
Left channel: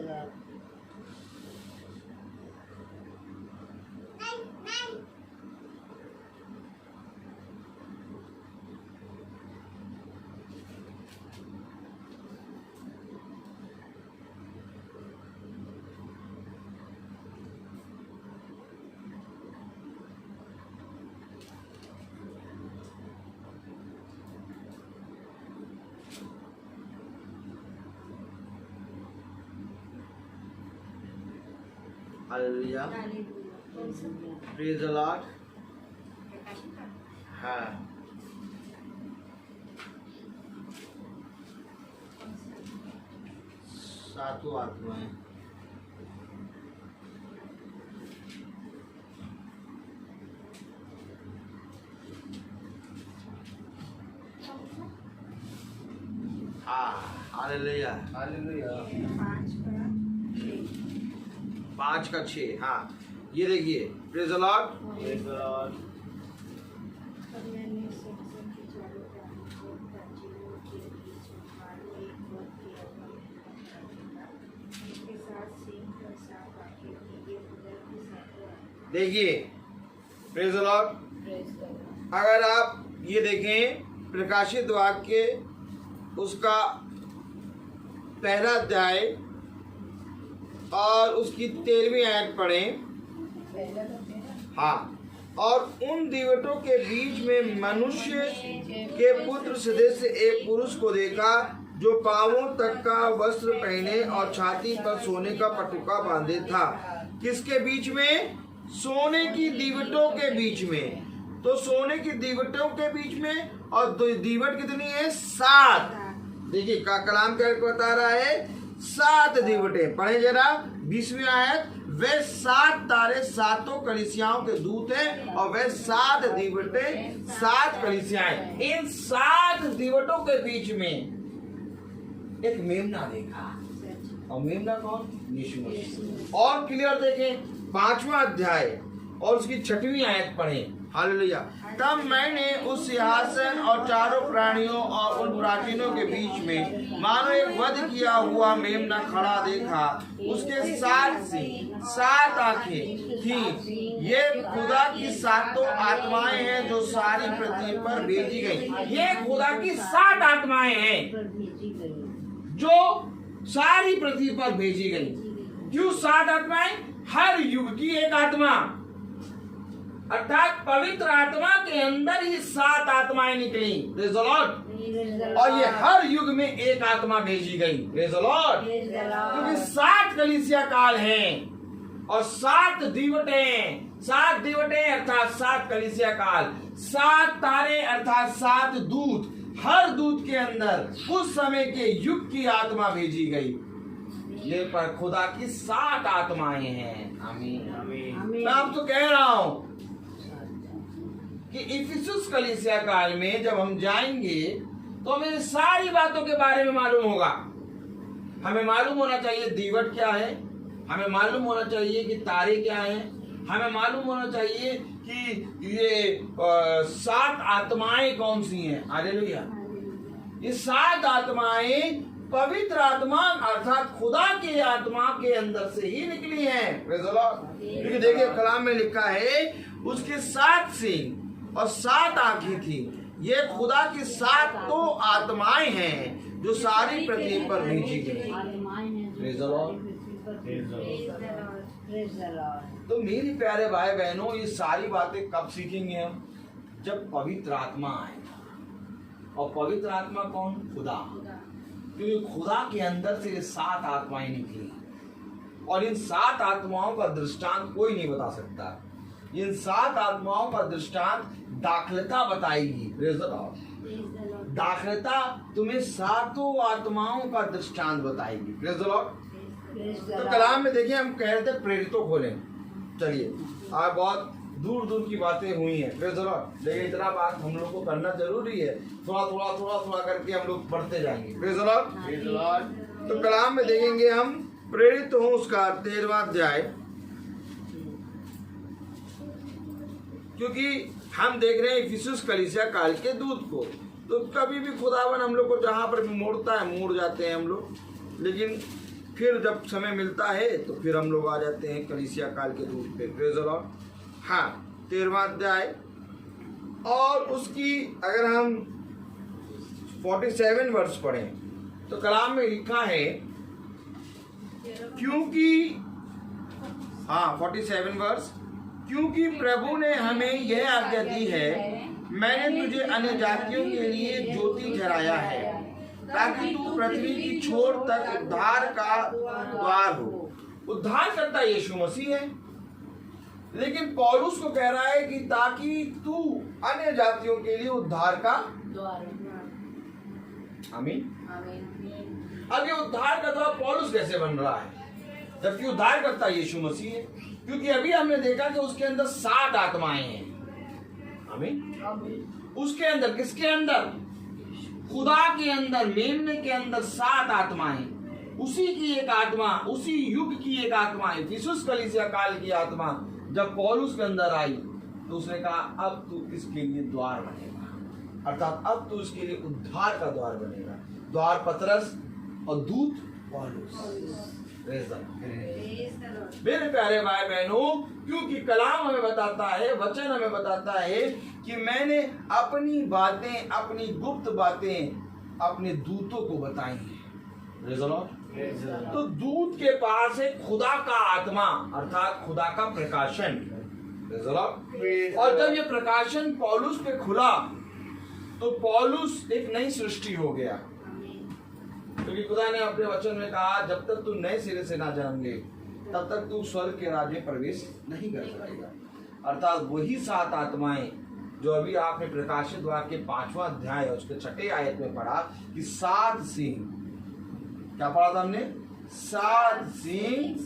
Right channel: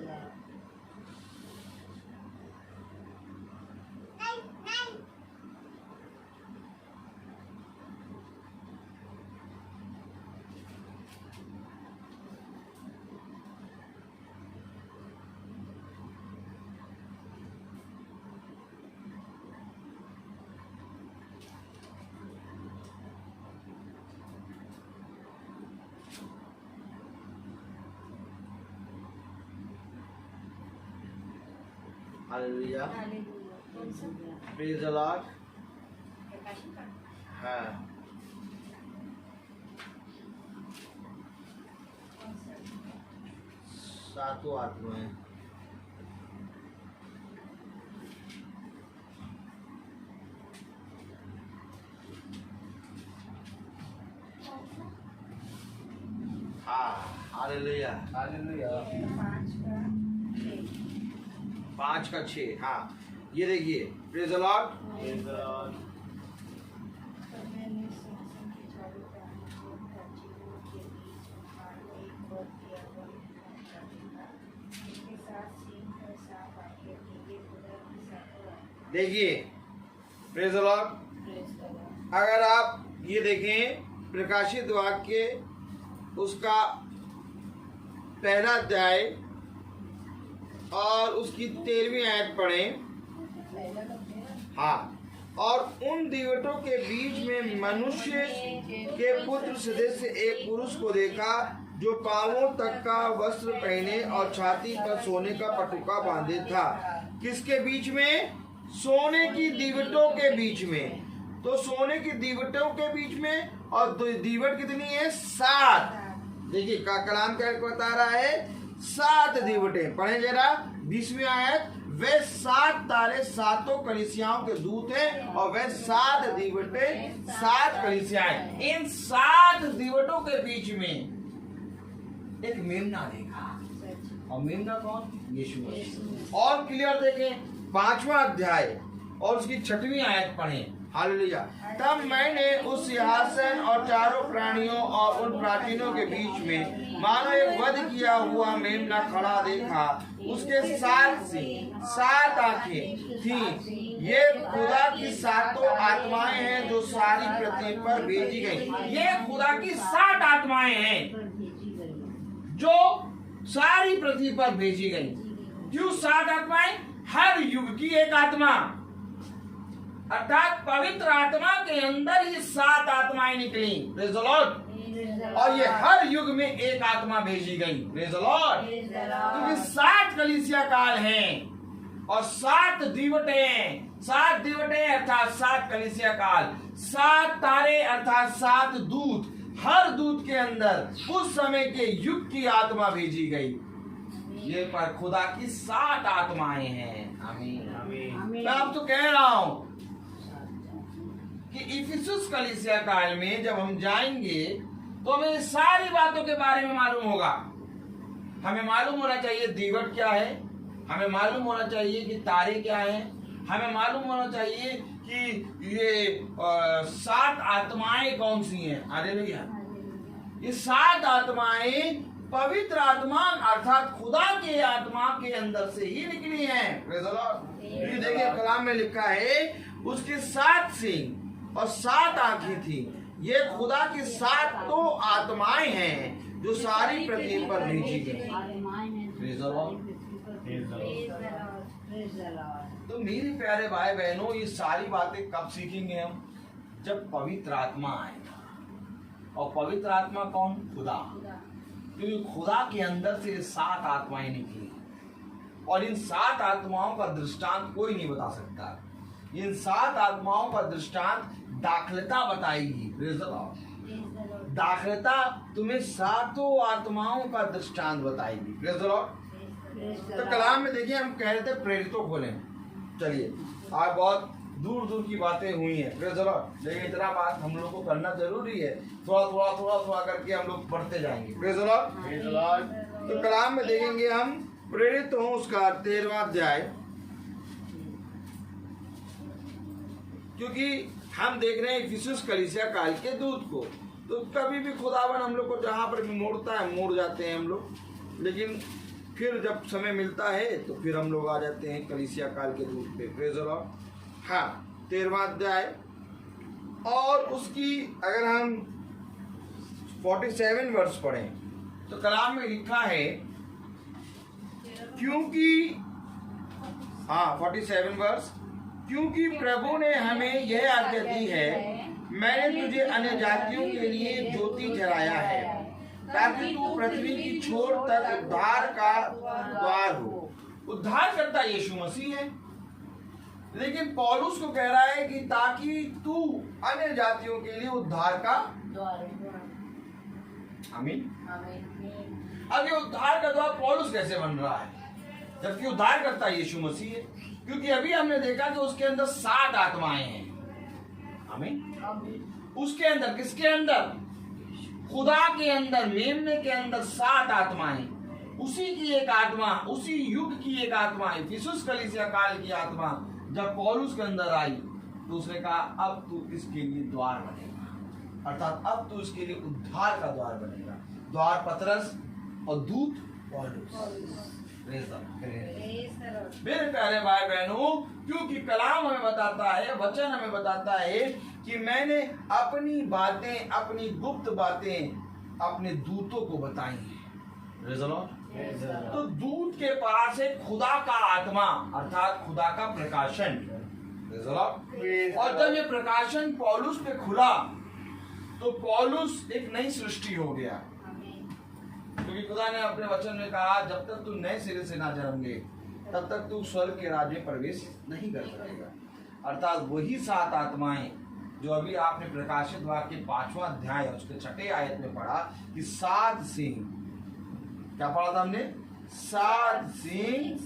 Hallelujah, praise the Lord. हाँ, सातों आत्माएं हाँ, हालेलुया। Hallelujah. 5 का 6। हाँ, ये देखिए, praise the Lord. Praise the Lord. देखिए, प्रेज द लॉर्ड। अगर आप ये देखें प्रकाशित वाक्य उसका पहला अध्याय और उसकी 13वीं आयत पढ़ें। हाँ, और उन दीवटों के बीच में मनुष्य के पुत्र सदृश एक पुरुष को देखा जो पांवों तक का वस्त्र पहने और छाती पर सोने का पटुका बांधे था। किसके बीच में? सोने की दीवटों के बीच में। तो सोने की दीवटों के बीच में, और दीवट कितनी है? 7। देखिए का कलाम क्या बता रहा है? 7 दीवटें। पढ़े जरा 20वीं आयत। वे 7 तारे सातों कलीसियाओं के दूत हैं और वे 7 दीवटें 7 कलीसियाएं। इन 7 दीवटों के बीच में एक मेमना देखा, और मेमना कौन? यीशु मसीह। और क्लियर देखें 5वां अध्याय और उसकी 6वीं आयत पढ़ें। हालेलुया। तब मैंने उस सिंहासन और चारों प्राणियों और उन प्राचीनों के बीच में मानो एक वध किया हुआ मेमना खड़ा देखा। उसके 7 सिंह 7 आंखें थी। ये खुदा की 7 आत्माएं हैं जो सारी पृथ्वी पर भेजी गई। ये खुदा की 7 आत्माएं हैं जो सारी पृथ्वी पर भेजी गई। क्यों 7 आत्माएं? हर युग की एक आत्मा, अर्थात पवित्र आत्मा के अंदर ही 7 आत्माएं निकली। Praise the Lord. और ये हर युग में एक आत्मा भेजी गई। Praise the Lord. क्योंकि 7 कलीसिया काल हैं और 7 दीवटें, 7 दीवटें अर्थात 7 कलीसिया काल, 7 तारे अर्थात 7 दूत। हर दूत के अंदर उस समय के युग की आत्मा भेजी गई। ये पर खुदा की 7 आत्माएं हैं। आमीन, आमीन। मैं आपको कह रहा हूं कि इफिसुस कलीसिया काल में जब हम जाएंगे तो हमें सारी बातों के बारे में मालूम होगा। हमें मालूम होना चाहिए दीवट क्या है, हमें मालूम होना चाहिए कि तारे क्या हैं, हमें मालूम होना चाहिए कि ये 7 आत्माएं कौन सी हैं। हालेलुया। ये 7 आत्माएं पवित्र आत्मा अर्थात खुदा के आत्मा के अंदर से ही निकली हैं। Praise the Lord. क्योंकि देखिए कलाम में लिखा है उसके 7 सिंह और 7 आंखें थी। ये खुदा की 7 आत्माएं हैं जो सारी पृथ्वी पर भेजी गई। Praise the Lord. तो मेरे प्यारे भाई बहनों, ये सारी बातें कब सीखेंगे हम? जब पवित्र आत्मा आएगा। और पवित्र आत्मा कौन? खुदा। क्योंकि खुदा के अंदर से 7 आत्माएं निकली और इन 7 आत्माओं का दृष्टांत कोई नहीं बता सकता। इन 7 आत्माओं का दृष्टांत दाखलता बताएगी। Praise the Lord. दाखलता तुम्हें 7 आत्माओं का दृष्टांत बताएगी। Praise the Lord. तो कलाम में देखिए हम कह रहे थे प्रेरितों खोलें। चलिए आज बहुत दूर दूर की बातें हुई हैं। Praise the Lord. लेकिन इतना बात हम लोग को करना जरूरी है। थोड़ा करके हम लोग बढ़ते जाएंगे। Praise the Lord. Praise the Lord. तो कलाम में देखेंगे हम प्रेरित हूं उसका 13वां अध्याय, क्योंकि हम देख रहे हैं इफिसुस कलीसिया काल के दूत को। तो कभी भी खुदावन हम लोग को जहां पर भी मोड़ता है मोड़ जाते हैं हम लोग। लेकिन फिर जब समय मिलता है तो फिर हम लोग आ जाते हैं कलीसिया काल के दूत पे। Praise the Lord. हाँ, 13वां अध्याय और उसकी अगर हम 47 वर्ष पढ़ें तो कलाम में लिखा है, क्योंकि 47 वर्ष, क्योंकि प्रभु ने हमें यह आज्ञा दी है, मैंने तुझे अन्य जातियों के लिए ज्योति ठहराया है, ताकि तू पृथ्वी की छोर तक उद्धार का द्वार हो। उद्धार करता यीशु मसीह है, लेकिन पौलुस को कह रहा है कि ताकि तू अन्य जातियों के लिए उद्धार का आमीन। अब ये उद्धार का द्वार पौलुस कैसे बन रहा है, जबकि उद्धार करता यीशु मसीह है? क्योंकि अभी हमने देखा कि उसके अंदर 7 आत्माएं हैं। आमीन। उसके अंदर, किसके अंदर? खुदा के अंदर, मेमने के अंदर 7 आत्माएं। उसी की एक आत्मा, उसी युग की एक आत्मा है, इफिसुस कलीसिया काल की आत्मा जब पौलुस के अंदर आई तो उसने कहा अब तू इसके लिए द्वार बनेगा, अर्थात अब तू इसके लिए उद्धार का द्वार बनेगा। द्वार पतरस और दूत पौलुस। मेरे प्यारे भाई बहनों, क्योंकि कलाम हमें बताता है, वचन हमें बताता है कि मैंने अपनी बातें, अपनी गुप्त बातें अपने दूतों को बताई हैं। तो दूत के पास है खुदा का आत्मा, अर्थात खुदा का प्रकाशन। और जब ये प्रकाशन पौलुस पे खुला तो पौलुस एक नई सृष्टि हो गया, क्योंकि खुदा ने अपने वचन में कहा जब तक तू नए सिरे से ना जन्म ले तब तक तू स्वर्ग के राज्य में प्रवेश नहीं कर सकेगा। अर्थात वही 7 आत्माएं जो अभी आपने प्रकाशित वाक्य 5वां अध्याय उसके 6ठे आयत में पढ़ा कि 7 सिंह, क्या पढ़ा था हमने? 7 सिंह,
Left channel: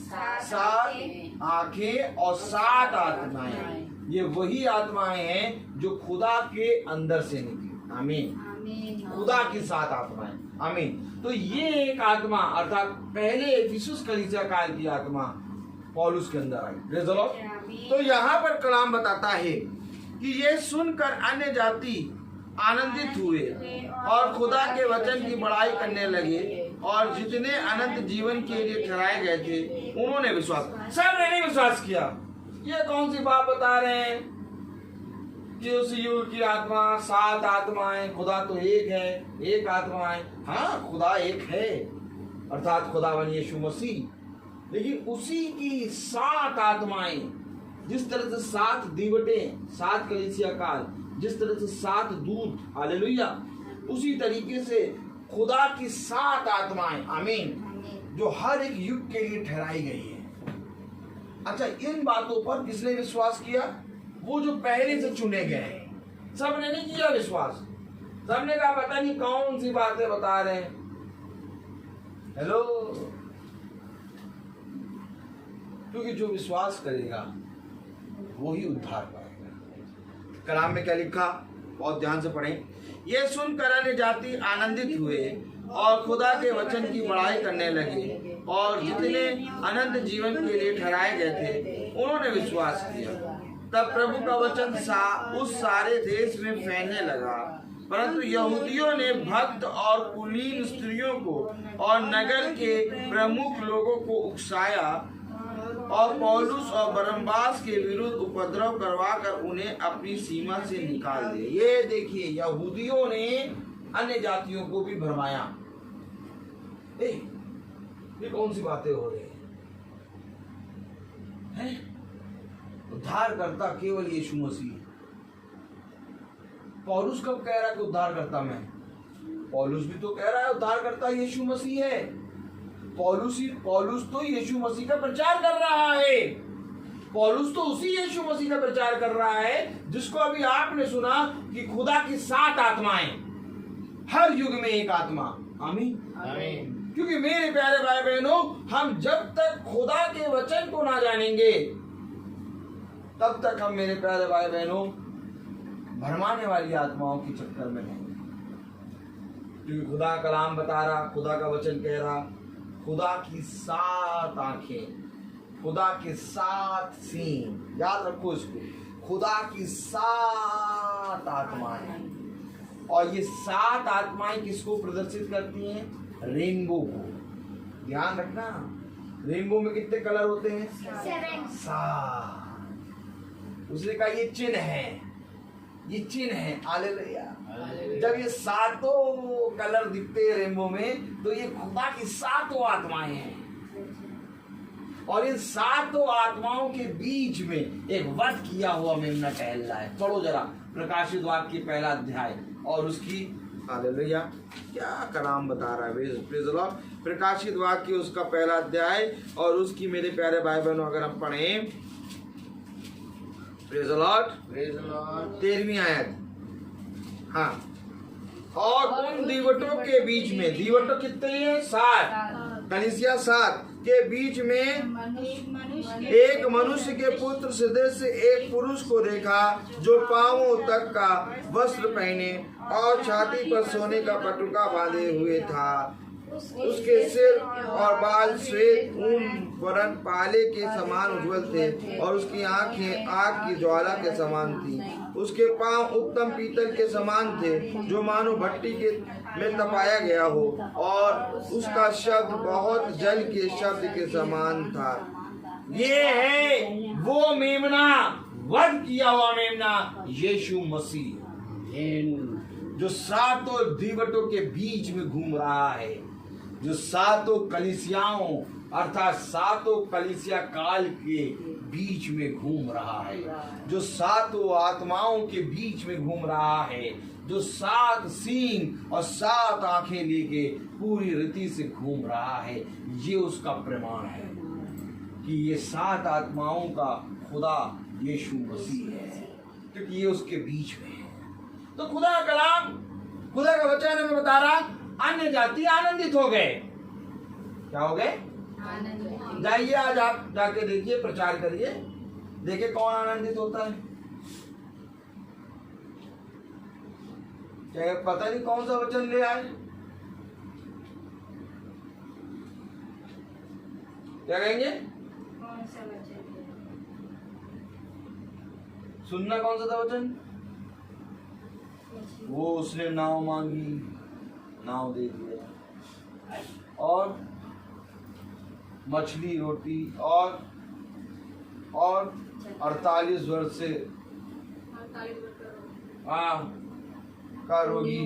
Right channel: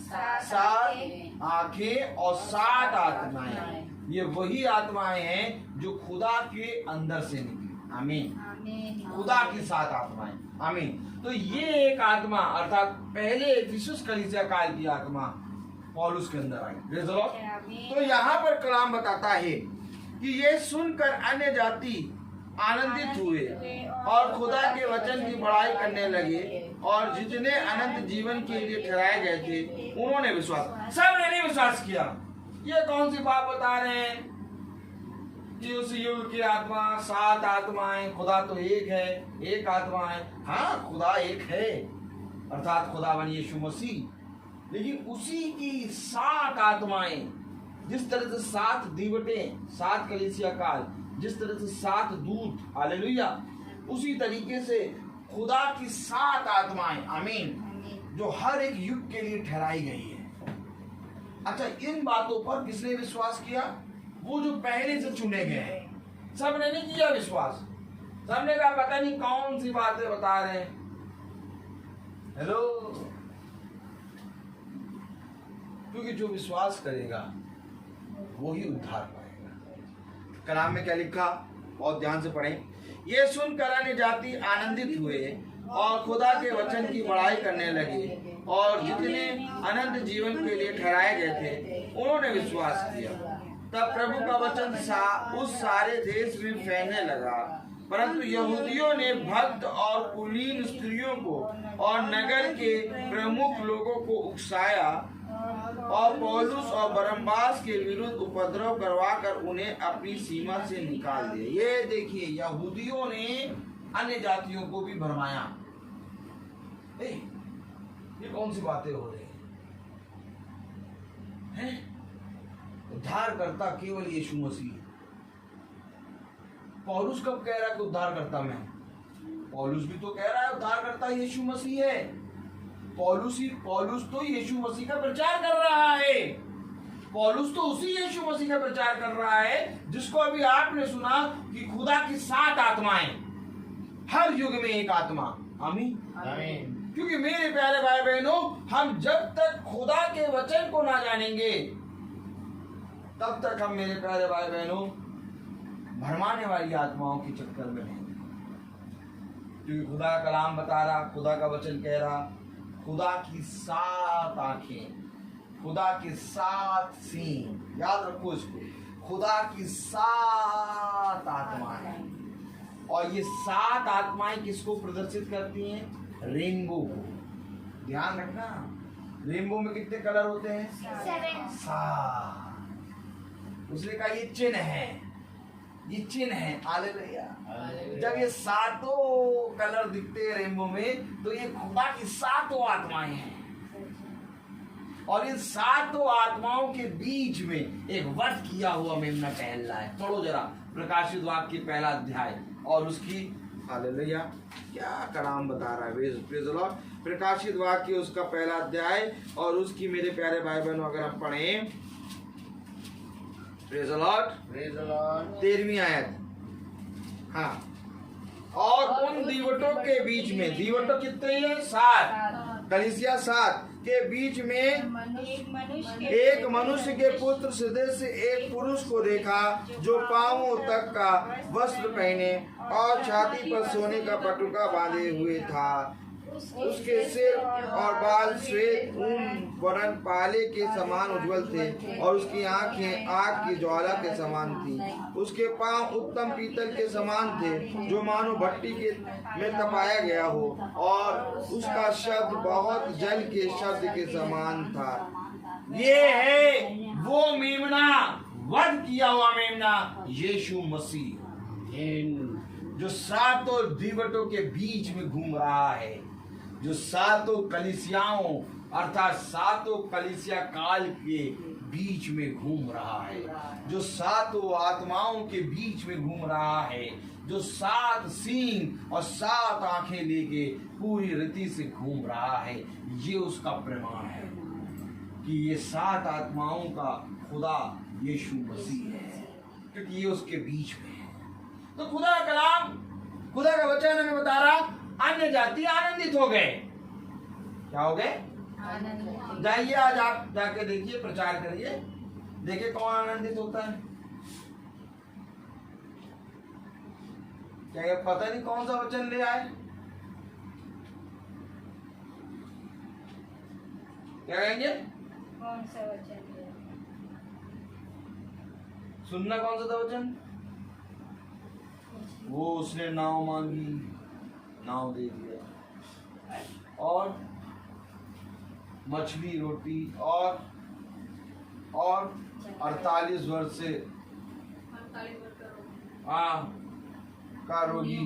7 आंखें और 7 आत्माएं। ये वही आत्माएं हैं जो खुदा के अंदर से निकली। आमीन। खुदा की 7 आत्माएं। आमीन। तो ये एक आत्मा, अर्थात पहले इफिसुस कलीसिया काल की आत्मा पौलुस के अंदर आई। Praise the Lord. तो यहाँ पर कलाम बताता है कि ये सुनकर अन्य जाति आनंदित हुए और खुदा के वचन की बड़ाई करने लगे, और जितने अनंत जीवन के लिए ठहराए गए थे उन्होंने विश्वास, सब ने विश्वास किया। ये कौन सी बात बता रहे हैं कि उस युग की आत्मा, 7 आत्माएं, खुदा तो एक है, एक आत्मा है। हाँ, खुदा एक है, अर्थात खुदावन यीशु मसीह, लेकिन उसी की 7 आत्माएं, जिस तरह से 7 दीवटे, 7 कलीसिया काल, जिस तरह से 7 दूत, हालेलुया, उसी तरीके से खुदा की 7 आत्माएं, आमीन, जो हर एक युग के लिए ठहराई गई है। अच्छा, इन बातों पर किसने विश्वास किया? वो जो पहले से चुने गए हैं। सब ने नहीं किया विश्वास। सबने कहा पता नहीं कौन सी बातें बता रहे हैं। हेलो, क्योंकि जो विश्वास करेगा वो ही उद्धार पाएगा। कलाम में क्या लिखा, बहुत ध्यान से पढ़ें। ये सुनकर अन्य जाति आनंदित हुए और खुदा के वचन की बड़ाई करने लगे, और जितने अनंत जीवन के लिए ठहराए गए थे उन्होंने विश्वास किया। तब प्रभु का वचन उस सारे देश में फैलने लगा, परंतु यहूदियों ने भक्त और कुलीन स्त्रियों को और नगर के प्रमुख लोगों को उकसाया और पौलुस और बरनबास के विरुद्ध उपद्रव करवाकर उन्हें अपनी सीमा से निकाल दिया। ये देखिए, यहूदियों ने अन्य जातियों को भी भरमाया। ये कौन सी बातें हो रही हैं? उद्धार करता केवल यीशु मसीह। पौलुस कब कह रहा है कि उद्धार करता मैं? पौलुस भी तो कह रहा है उद्धार करता यीशु मसीह है। पौलुस तो यीशु मसीह का प्रचार कर रहा है। पौलुस तो उसी यीशु मसीह का प्रचार कर रहा है जिसको अभी आपने सुना कि खुदा की 7 आत्माएं, हर युग में एक आत्मा। आमीन, आमीन। क्योंकि मेरे प्यारे भाई बहनों, हम जब तक खुदा के वचन को ना जानेंगे तब तक हम, मेरे प्यारे भाई बहनों, भरमाने वाली आत्माओं के चक्कर में रहेंगे। क्योंकि खुदा का कलाम बता रहा, खुदा का वचन कह रहा, खुदा की 7 आंखें, खुदा के 7 सींग, याद रखो इसको, खुदा की 7 आत्माएं। और ये 7 आत्माएं किसको प्रदर्शित करती हैं? रेनबो को। ध्यान रखना, रेनबो में कितने कलर होते हैं? 7। 7। उसने कहा ये चिन्ह है, ये चिन्ह है। हालेलुया। जब ये 7 कलर दिखते हैं रेनबो में, तो ये खुदा की 7 आत्माएं हैं, और इन 7 आत्माओं के बीच में एक वध किया हुआ मेमना टहल रहा है। पढ़ो जरा प्रकाशित वाक्य की 1 अध्याय और उसकी, हालेलुया, क्या कलाम बता रहा है। Praise the Lord. प्रकाशित वाक्य उसका 1 अध्याय और उसकी, मेरे प्यारे भाई बहनों, अगर हम पढ़ें, प्रेज़ द लॉर्ड, 13वीं आयत। हाँ, और उन दीवटों के बीच में, दीवटों कितने हैं? 7, कलीसिया 7 के बीच में एक मनुष्य के पुत्र सदृश एक पुरुष को देखा, जो पांवों तक का वस्त्र पहने और छाती पर सोने का पटुका बांधे हुए था। उसके सिर और बाल श्वेत ऊन वरन पाले के समान उज्जवल थे, और उसकी आंखें आग की ज्वाला के समान थी। उसके पांव उत्तम पीतल के समान थे, जो मानो भट्टी के में तपाया गया हो, और उसका शब्द बहुत जल के शब्द के समान था। ये है वो मेमना, वध किया हुआ मेमना, यीशु मसीह, जो 7 दीवटों के बीच में घूम रहा है, जो 7 कलीसियाओं अर्थात 7 कलीसिया काल के बीच में घूम रहा है, जो 7 आत्माओं के बीच में घूम रहा है, जो 7 सींग और 7 आंखें लेके पूरी रीति से घूम रहा है। ये उसका प्रमाण है कि ये 7 आत्माओं का खुदा यीशु मसीह है, क्योंकि ये उसके बीच में है। तो खुदा का कलाम, खुदा का वचन हमें बता रहा, अन्य जाति आनंदित हो गए। क्या हो गए? जाइए आज आप जाके देखिए, प्रचार करिए, देखिए कौन आनंदित होता है। क्या पता नहीं कौन सा वचन ले आए? क्या कहेंगे? कौन सा वचन? सुनना कौन सा था वचन? वो उसने नाव मांगी, नाव दे दिया, और मछली रोटी, और 48 वर्ष से का रोगी,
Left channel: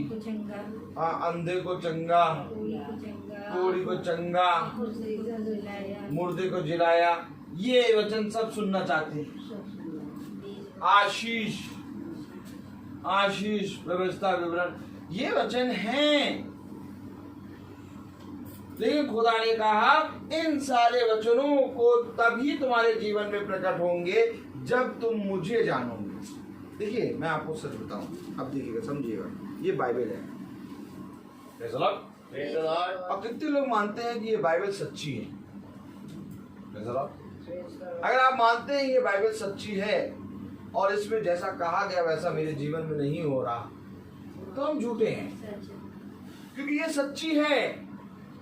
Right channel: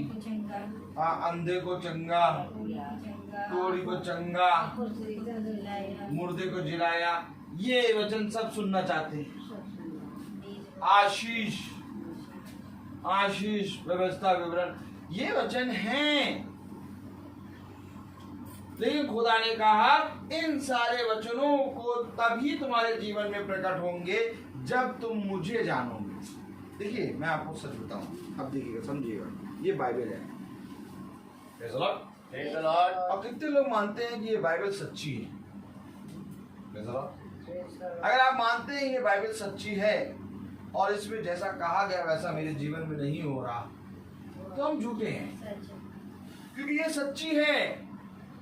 अंधे को चंगा, कोढ़ी को चंगा, मुर्दे को जिलाया। ये वचन सब सुनना चाहते हैं। आशीष, आशीष, व्यवस्था, विवरण, ये वचन हैं। लेकिन खुदा ने कहा इन सारे वचनों को तभी तुम्हारे जीवन में प्रकट होंगे जब तुम मुझे जानोगे। देखिए मैं आपको सच बताऊं, अब देखिएगा, समझिएगा, ये बाइबल है। और कितने लोग मानते हैं कि ये बाइबल सच्ची है? अगर आप मानते हैं ये बाइबल सच्ची है और इसमें जैसा कहा गया वैसा मेरे जीवन में नहीं हो रहा, तो हम झूठे हैं, क्योंकि ये सच्ची है।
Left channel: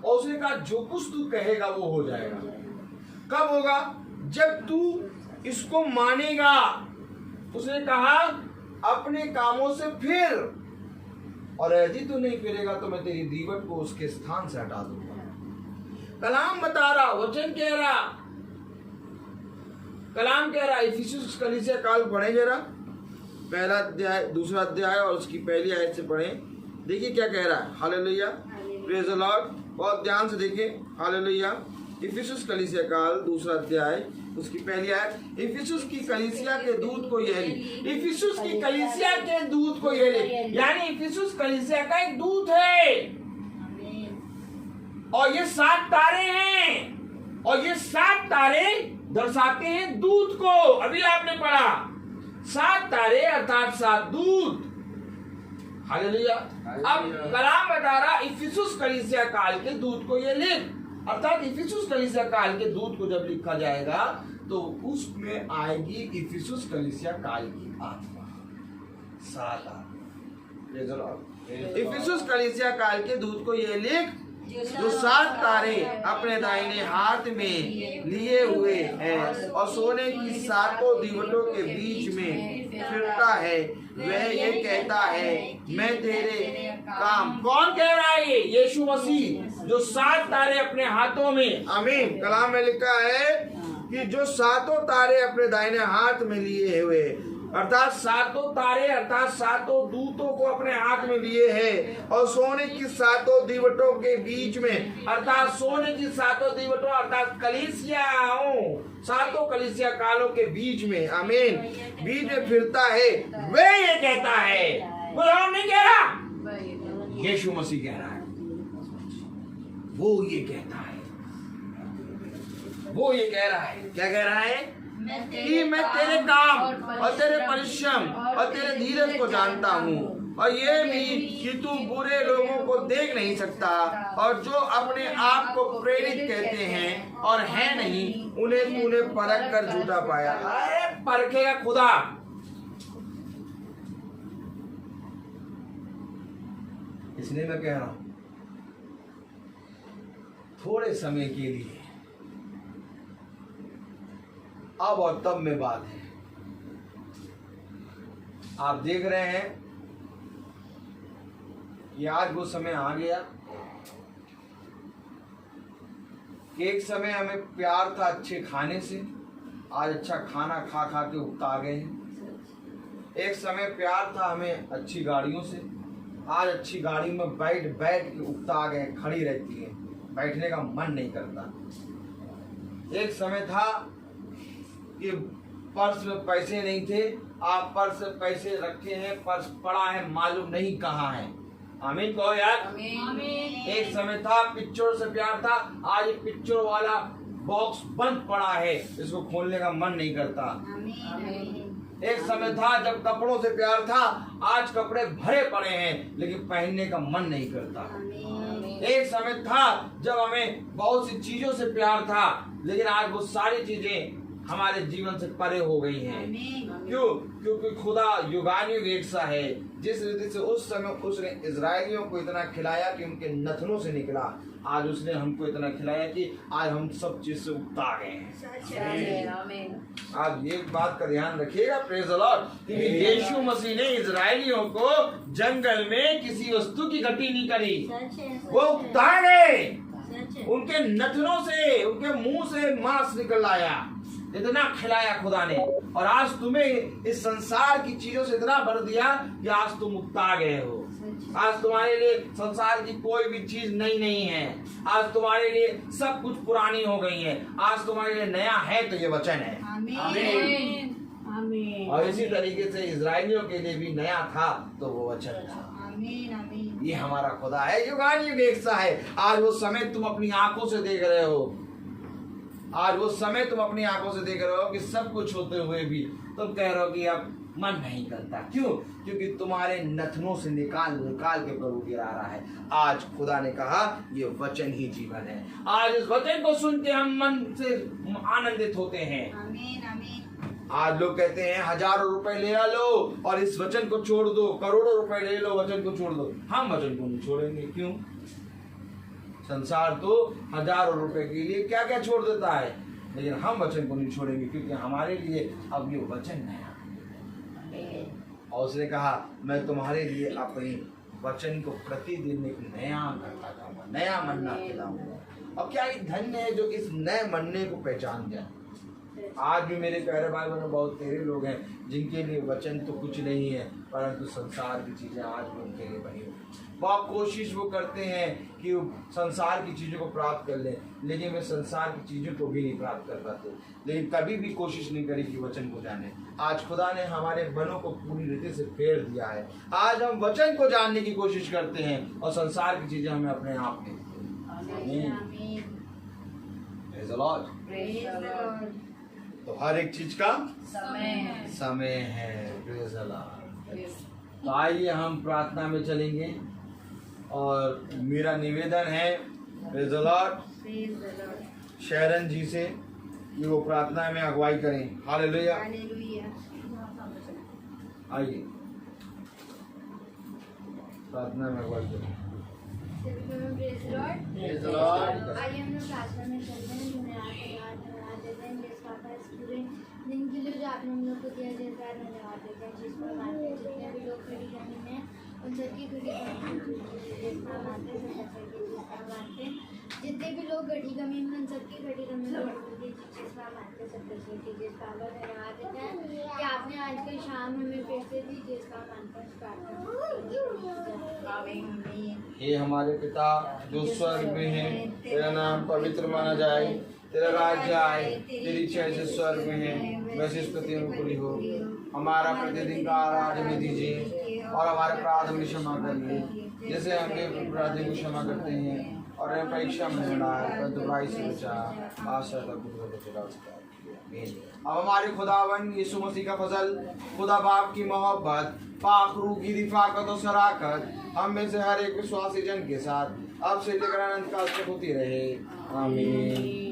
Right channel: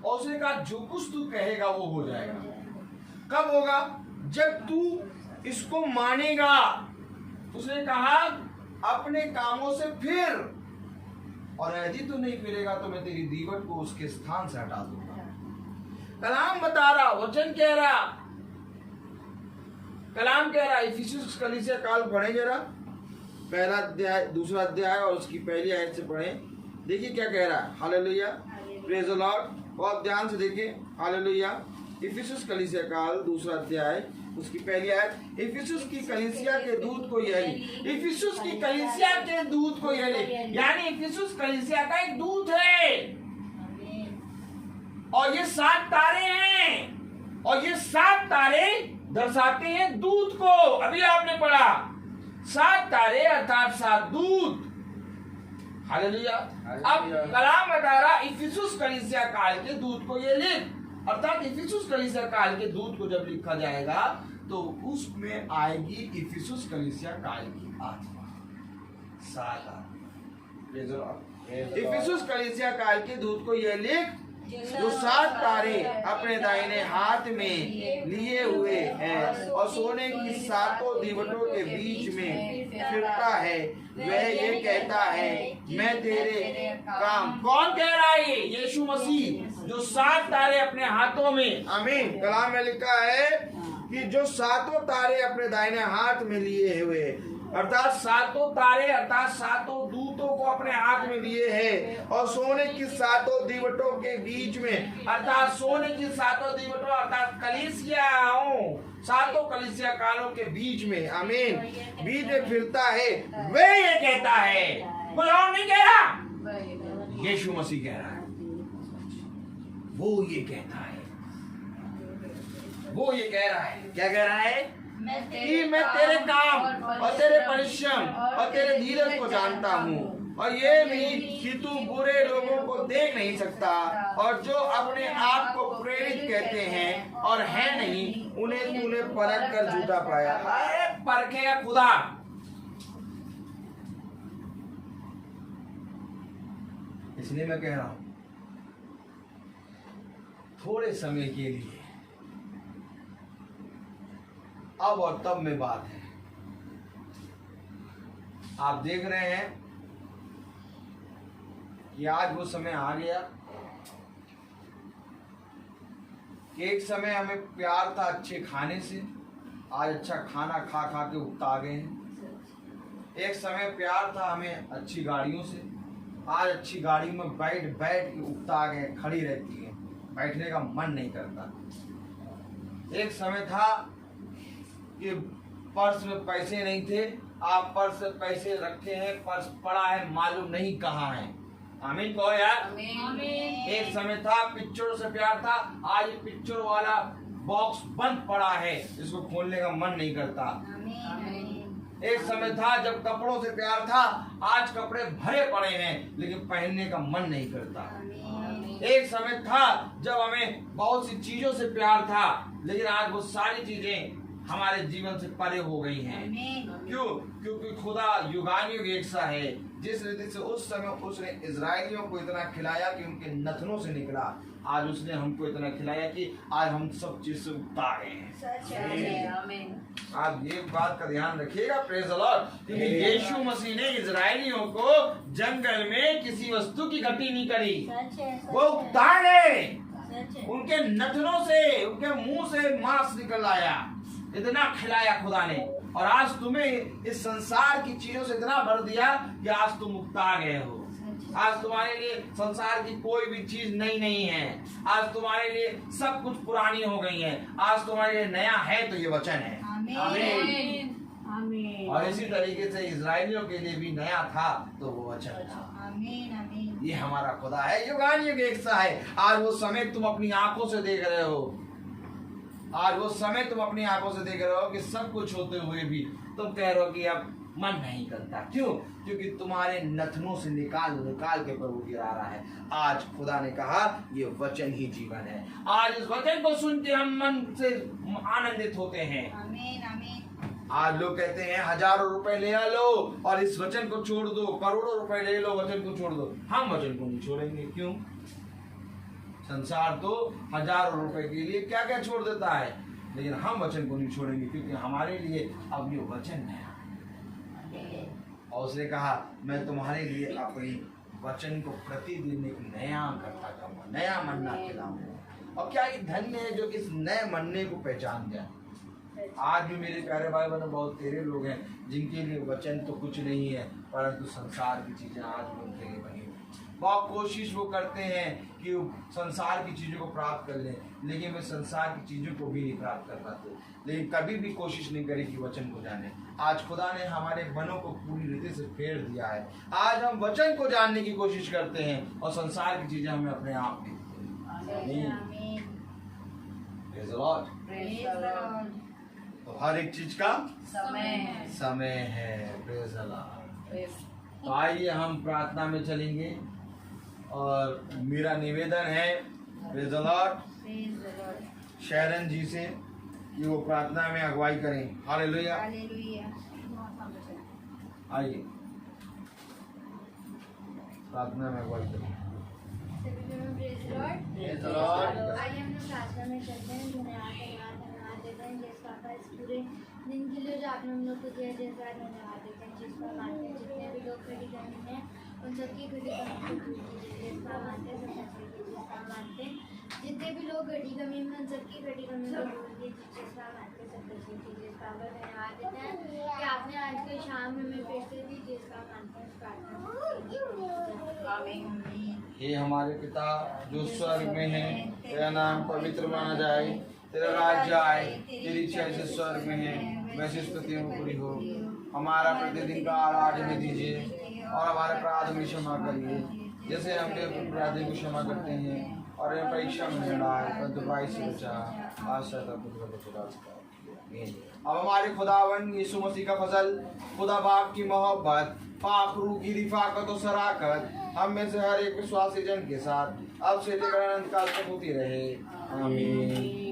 और उसने कहा जो कुछ तू कहेगा वो हो जाएगा। कब होगा? जब तू इसको मानेगा। उसने कहा अपने कामों से फिर, और यदि तू नहीं फिरेगा तो मैं तेरी दीवट को उसके स्थान से हटा दूंगा। कलाम बता रहा, वचन कह रहा, कलाम कह रहा। इफिसुस कलीसिया काल पढ़े जरा, 1 अध्याय 2 अध्याय और उसकी 1 आयत से पढ़े। देखिए क्या कह रहा है। Hallelujah, praise the Lord. बहुत ध्यान से देखें। हालेलुया। इफिसुस कलीसिया काल 2 अध्याय उसकी 1 आयत। इफिसुस की कलीसिया के दूत को यह लिख। इफिसुस की कलीसिया के दूत को यह लिख, यानी इफिसुस कलीसिया का एक दूत है, और ये 7 तारे हैं, और ये 7 तारे दर्शाते हैं दूत को। अभी आपने पढ़ा 7 तारे अर्थात 7 दूत। हालेलुया। अब कलाम बता रहा इफिसुस कलीसिया काल के दूत को ये लिख, अर्थात इफिसुस कलीसिया काल के दूत को जब लिखा जाएगा तो उसमें आएगी इफिसुस कलीसिया काल की आत्मा। इफिसुस कलीसिया काल के दूत को यह लिख, जो 7 तारे अपने दाहिने हाथ में लिए हुए हैं और सोने की 7 दीवटों के बीच में फिरता है, वह ये कहता है मैं तेरे काम। कौन कह रहा है ये? यीशु मसीह, जो 7 तारे अपने हाथों में। आमीन। कलाम में लिखा है कि जो 7 तारे अपने दाहिने हाथ में लिए हुए, अर्थात 7 तारे अर्थात 7 दूतों को अपने हाथ में लिए हैं, और सोने की 7 दीवटों के बीच में, अर्थात सोने की 7 दीवटों अर्थात कलीसियाओं, 7 कलीसिया कालों के बीच में, आमीन, बीच में फिरता है। वे ये कहता है, कोई और नहीं कह रहा, यीशु मसीह कह रहा है। वो ये कहता है, वो ये कह रहा है, क्या कह रहा है? कि मैं तेरे काम और तेरे परिश्रम और तेरे धीरज को जानता हूँ, और ये भी कि तू बुरे लोगों को देख नहीं सकता, और जो अपने आप को प्रेरित कहते हैं और है नहीं, उन्हें तूने परख कर झूठा पाया। अरे परखेगा खुदा। इसलिए मैं कह रहा हूँ थोड़े समय के लिए अब और तब में बात है। आप देख रहे हैं कि आज वो समय आ गया कि एक समय हमें प्यार था अच्छे खाने से, आज अच्छा खाना खा खा के उकता गए हैं। एक समय प्यार था हमें अच्छी गाड़ियों से, आज अच्छी गाड़ी में बैठ बैठ के उकता गए, खड़ी रहती है, बैठने का मन नहीं करता। एक समय था कि पर्स में पैसे नहीं थे, आप पर्स में पैसे रखे हैं, पर्स पड़ा है, मालूम नहीं कहाँ है। आमीन कहो यार। आमीन। एक समय था पिक्चर से प्यार था, आज पिक्चर वाला बॉक्स बंद पड़ा है, इसको खोलने का मन नहीं करता। आमीन। एक समय था जब कपड़ों से प्यार था, आज कपड़े भरे पड़े हैं लेकिन पहनने का मन नहीं करता। एक समय था जब हमें बहुत सी चीजों से प्यार था, लेकिन आज वो सारी चीजें हमारे जीवन से परे हो गई हैं। क्यों? क्योंकि खुदा युगानुयुग एक सा है। जिस रीति से उस समय उसने इजरायलियों को इतना खिलाया कि उनके नथनों से निकला, आज उसने हमको इतना खिलाया कि आज हम सब चीज से उगता गए हैं। आमीन। आज एक बात का ध्यान रखिएगा, प्रेज द लॉर्ड, क्योंकि यीशु मसीह ने इजरायलियों को जंगल में किसी वस्तु की घटी नहीं करी, वो उगता गए। उनके नथनों से, उनके मुंह से मांस निकल आया, इतना खिलाया खुदा ने। और आज तुम्हें इस संसार की चीजों से इतना भर दिया कि आज तुम उगता गए हो। आज तुम्हारे लिए संसार की कोई भी चीज नई नहीं है, आज तुम्हारे लिए सब कुछ पुरानी हो गई है। आज तुम्हारे लिए नया है तो ये वचन है। आमीन। आमीन। और इसी तरीके से इजरायलियों के लिए भी नया था तो वो वचन था। ये हमारा खुदा है, युगानुयुग एक सा है। आज वो समय तुम अपनी आंखों से देख रहे हो, आज वो समय तुम अपनी आंखों से देख रहे हो कि सब कुछ होते हुए भी तुम कह रहे हो कि अब मन नहीं करता। क्यों? क्योंकि तुम्हारे नथनों से निकाल निकाल के प्रभु गिरा रहा है। आज खुदा ने कहा ये वचन ही जीवन है। आज इस वचन को सुन के हम मन से आनंदित होते हैं। आज लोग कहते हैं हजारों रुपए ले लो और इस वचन को छोड़ दो, करोड़ों रुपए ले लो, वचन को छोड़ दो। हम वचन को नहीं छोड़ेंगे। क्यों? संसार तो हजारों रुपए के लिए क्या क्या छोड़ देता है, लेकिन हम वचन को नहीं छोड़ेंगे, क्योंकि हमारे लिए अब ये वचन है। और उसने कहा मैं तुम्हारे लिए अपने वचन को प्रतिदिन एक नया करता जाऊंगा, नया मन्ना खिलाऊंगा। और क्या ये धन्य है जो इस नए मन्ने को पहचान जाए। आज भी मेरे प्यारे भाई बहनों बहुत तेरे लोग हैं जिनके लिए वचन तो कुछ नहीं है, परंतु संसार की चीजें आज भी उनके लिए बनी। बहुत कोशिश वो करते हैं कि संसार की चीज़ों को प्राप्त कर लें, लेकिन वे संसार की चीज़ों को भी नहीं प्राप्त कर पाते, लेकिन कभी भी कोशिश नहीं करी कि वचन को जाने। आज खुदा ने हमारे मनों को पूरी रीति से फेर दिया है। आज हम वचन को जानने की कोशिश करते हैं और संसार की चीज़ें हमें अपने आप में। तो हर एक चीज का समय है। तो आइए हम प्रार्थना में चलेंगे और मेरा निवेदन है प्रेज़ द लॉर्ड शैरन जी से कि वो प्रार्थना में अगुवाई करें। हालेलुया। आइए प्रार्थना में अगुवाई करें। सभी को praise Lord. Praise the Lord. आइए हम लोग प्रार्थना में चलते हैं। धन्यवाद देते हैं जिस पापा इस पूरे दिन के लिए जो आपने हम लोग को दिया, जिस बार धन्यवाद देते हैं जिसको मानते हैं। जितने भी लोग खड़ी करने में उन सबकी खड़ी कमी जिसका मानते हैं, सब बच्चे की जिसका मानते हैं। जितने भी लोग घड़ी कमी में उन सबकी घड़ी कमी जिसका मानते हैं, सब बच्चे की जिसका धन्यवाद देते हैं कि आपने आज की शाम हमें पैसे दी जिसका मानते हैं। प्रार्थना हे हमारे पिता जो स्वर्ग में है, तेरा नाम पवित्र माना जाए, तेरा राज्य आए, तेरी इच्छा जैसे स्वर्ग में है वैसे इस पृथ्वी में पूरी हो। हमारा प्रतिदिन का आहार हमें दीजिए और हमारे अपराध हमें क्षमा करिए जैसे हम अपराधी को क्षमा करते हैं, और हमें परीक्षा में न डाल परंतु बुराई से बचा। आशा अब हमारे खुदावन यीशु मसीह का फजल, खुदा बाप की मोहब्बत, पाक रूह की रिफाकत और शराकत हम में से हर एक विश्वासी जन के साथ अब से लेकर अनंत काल तक होती रहे। आमीन।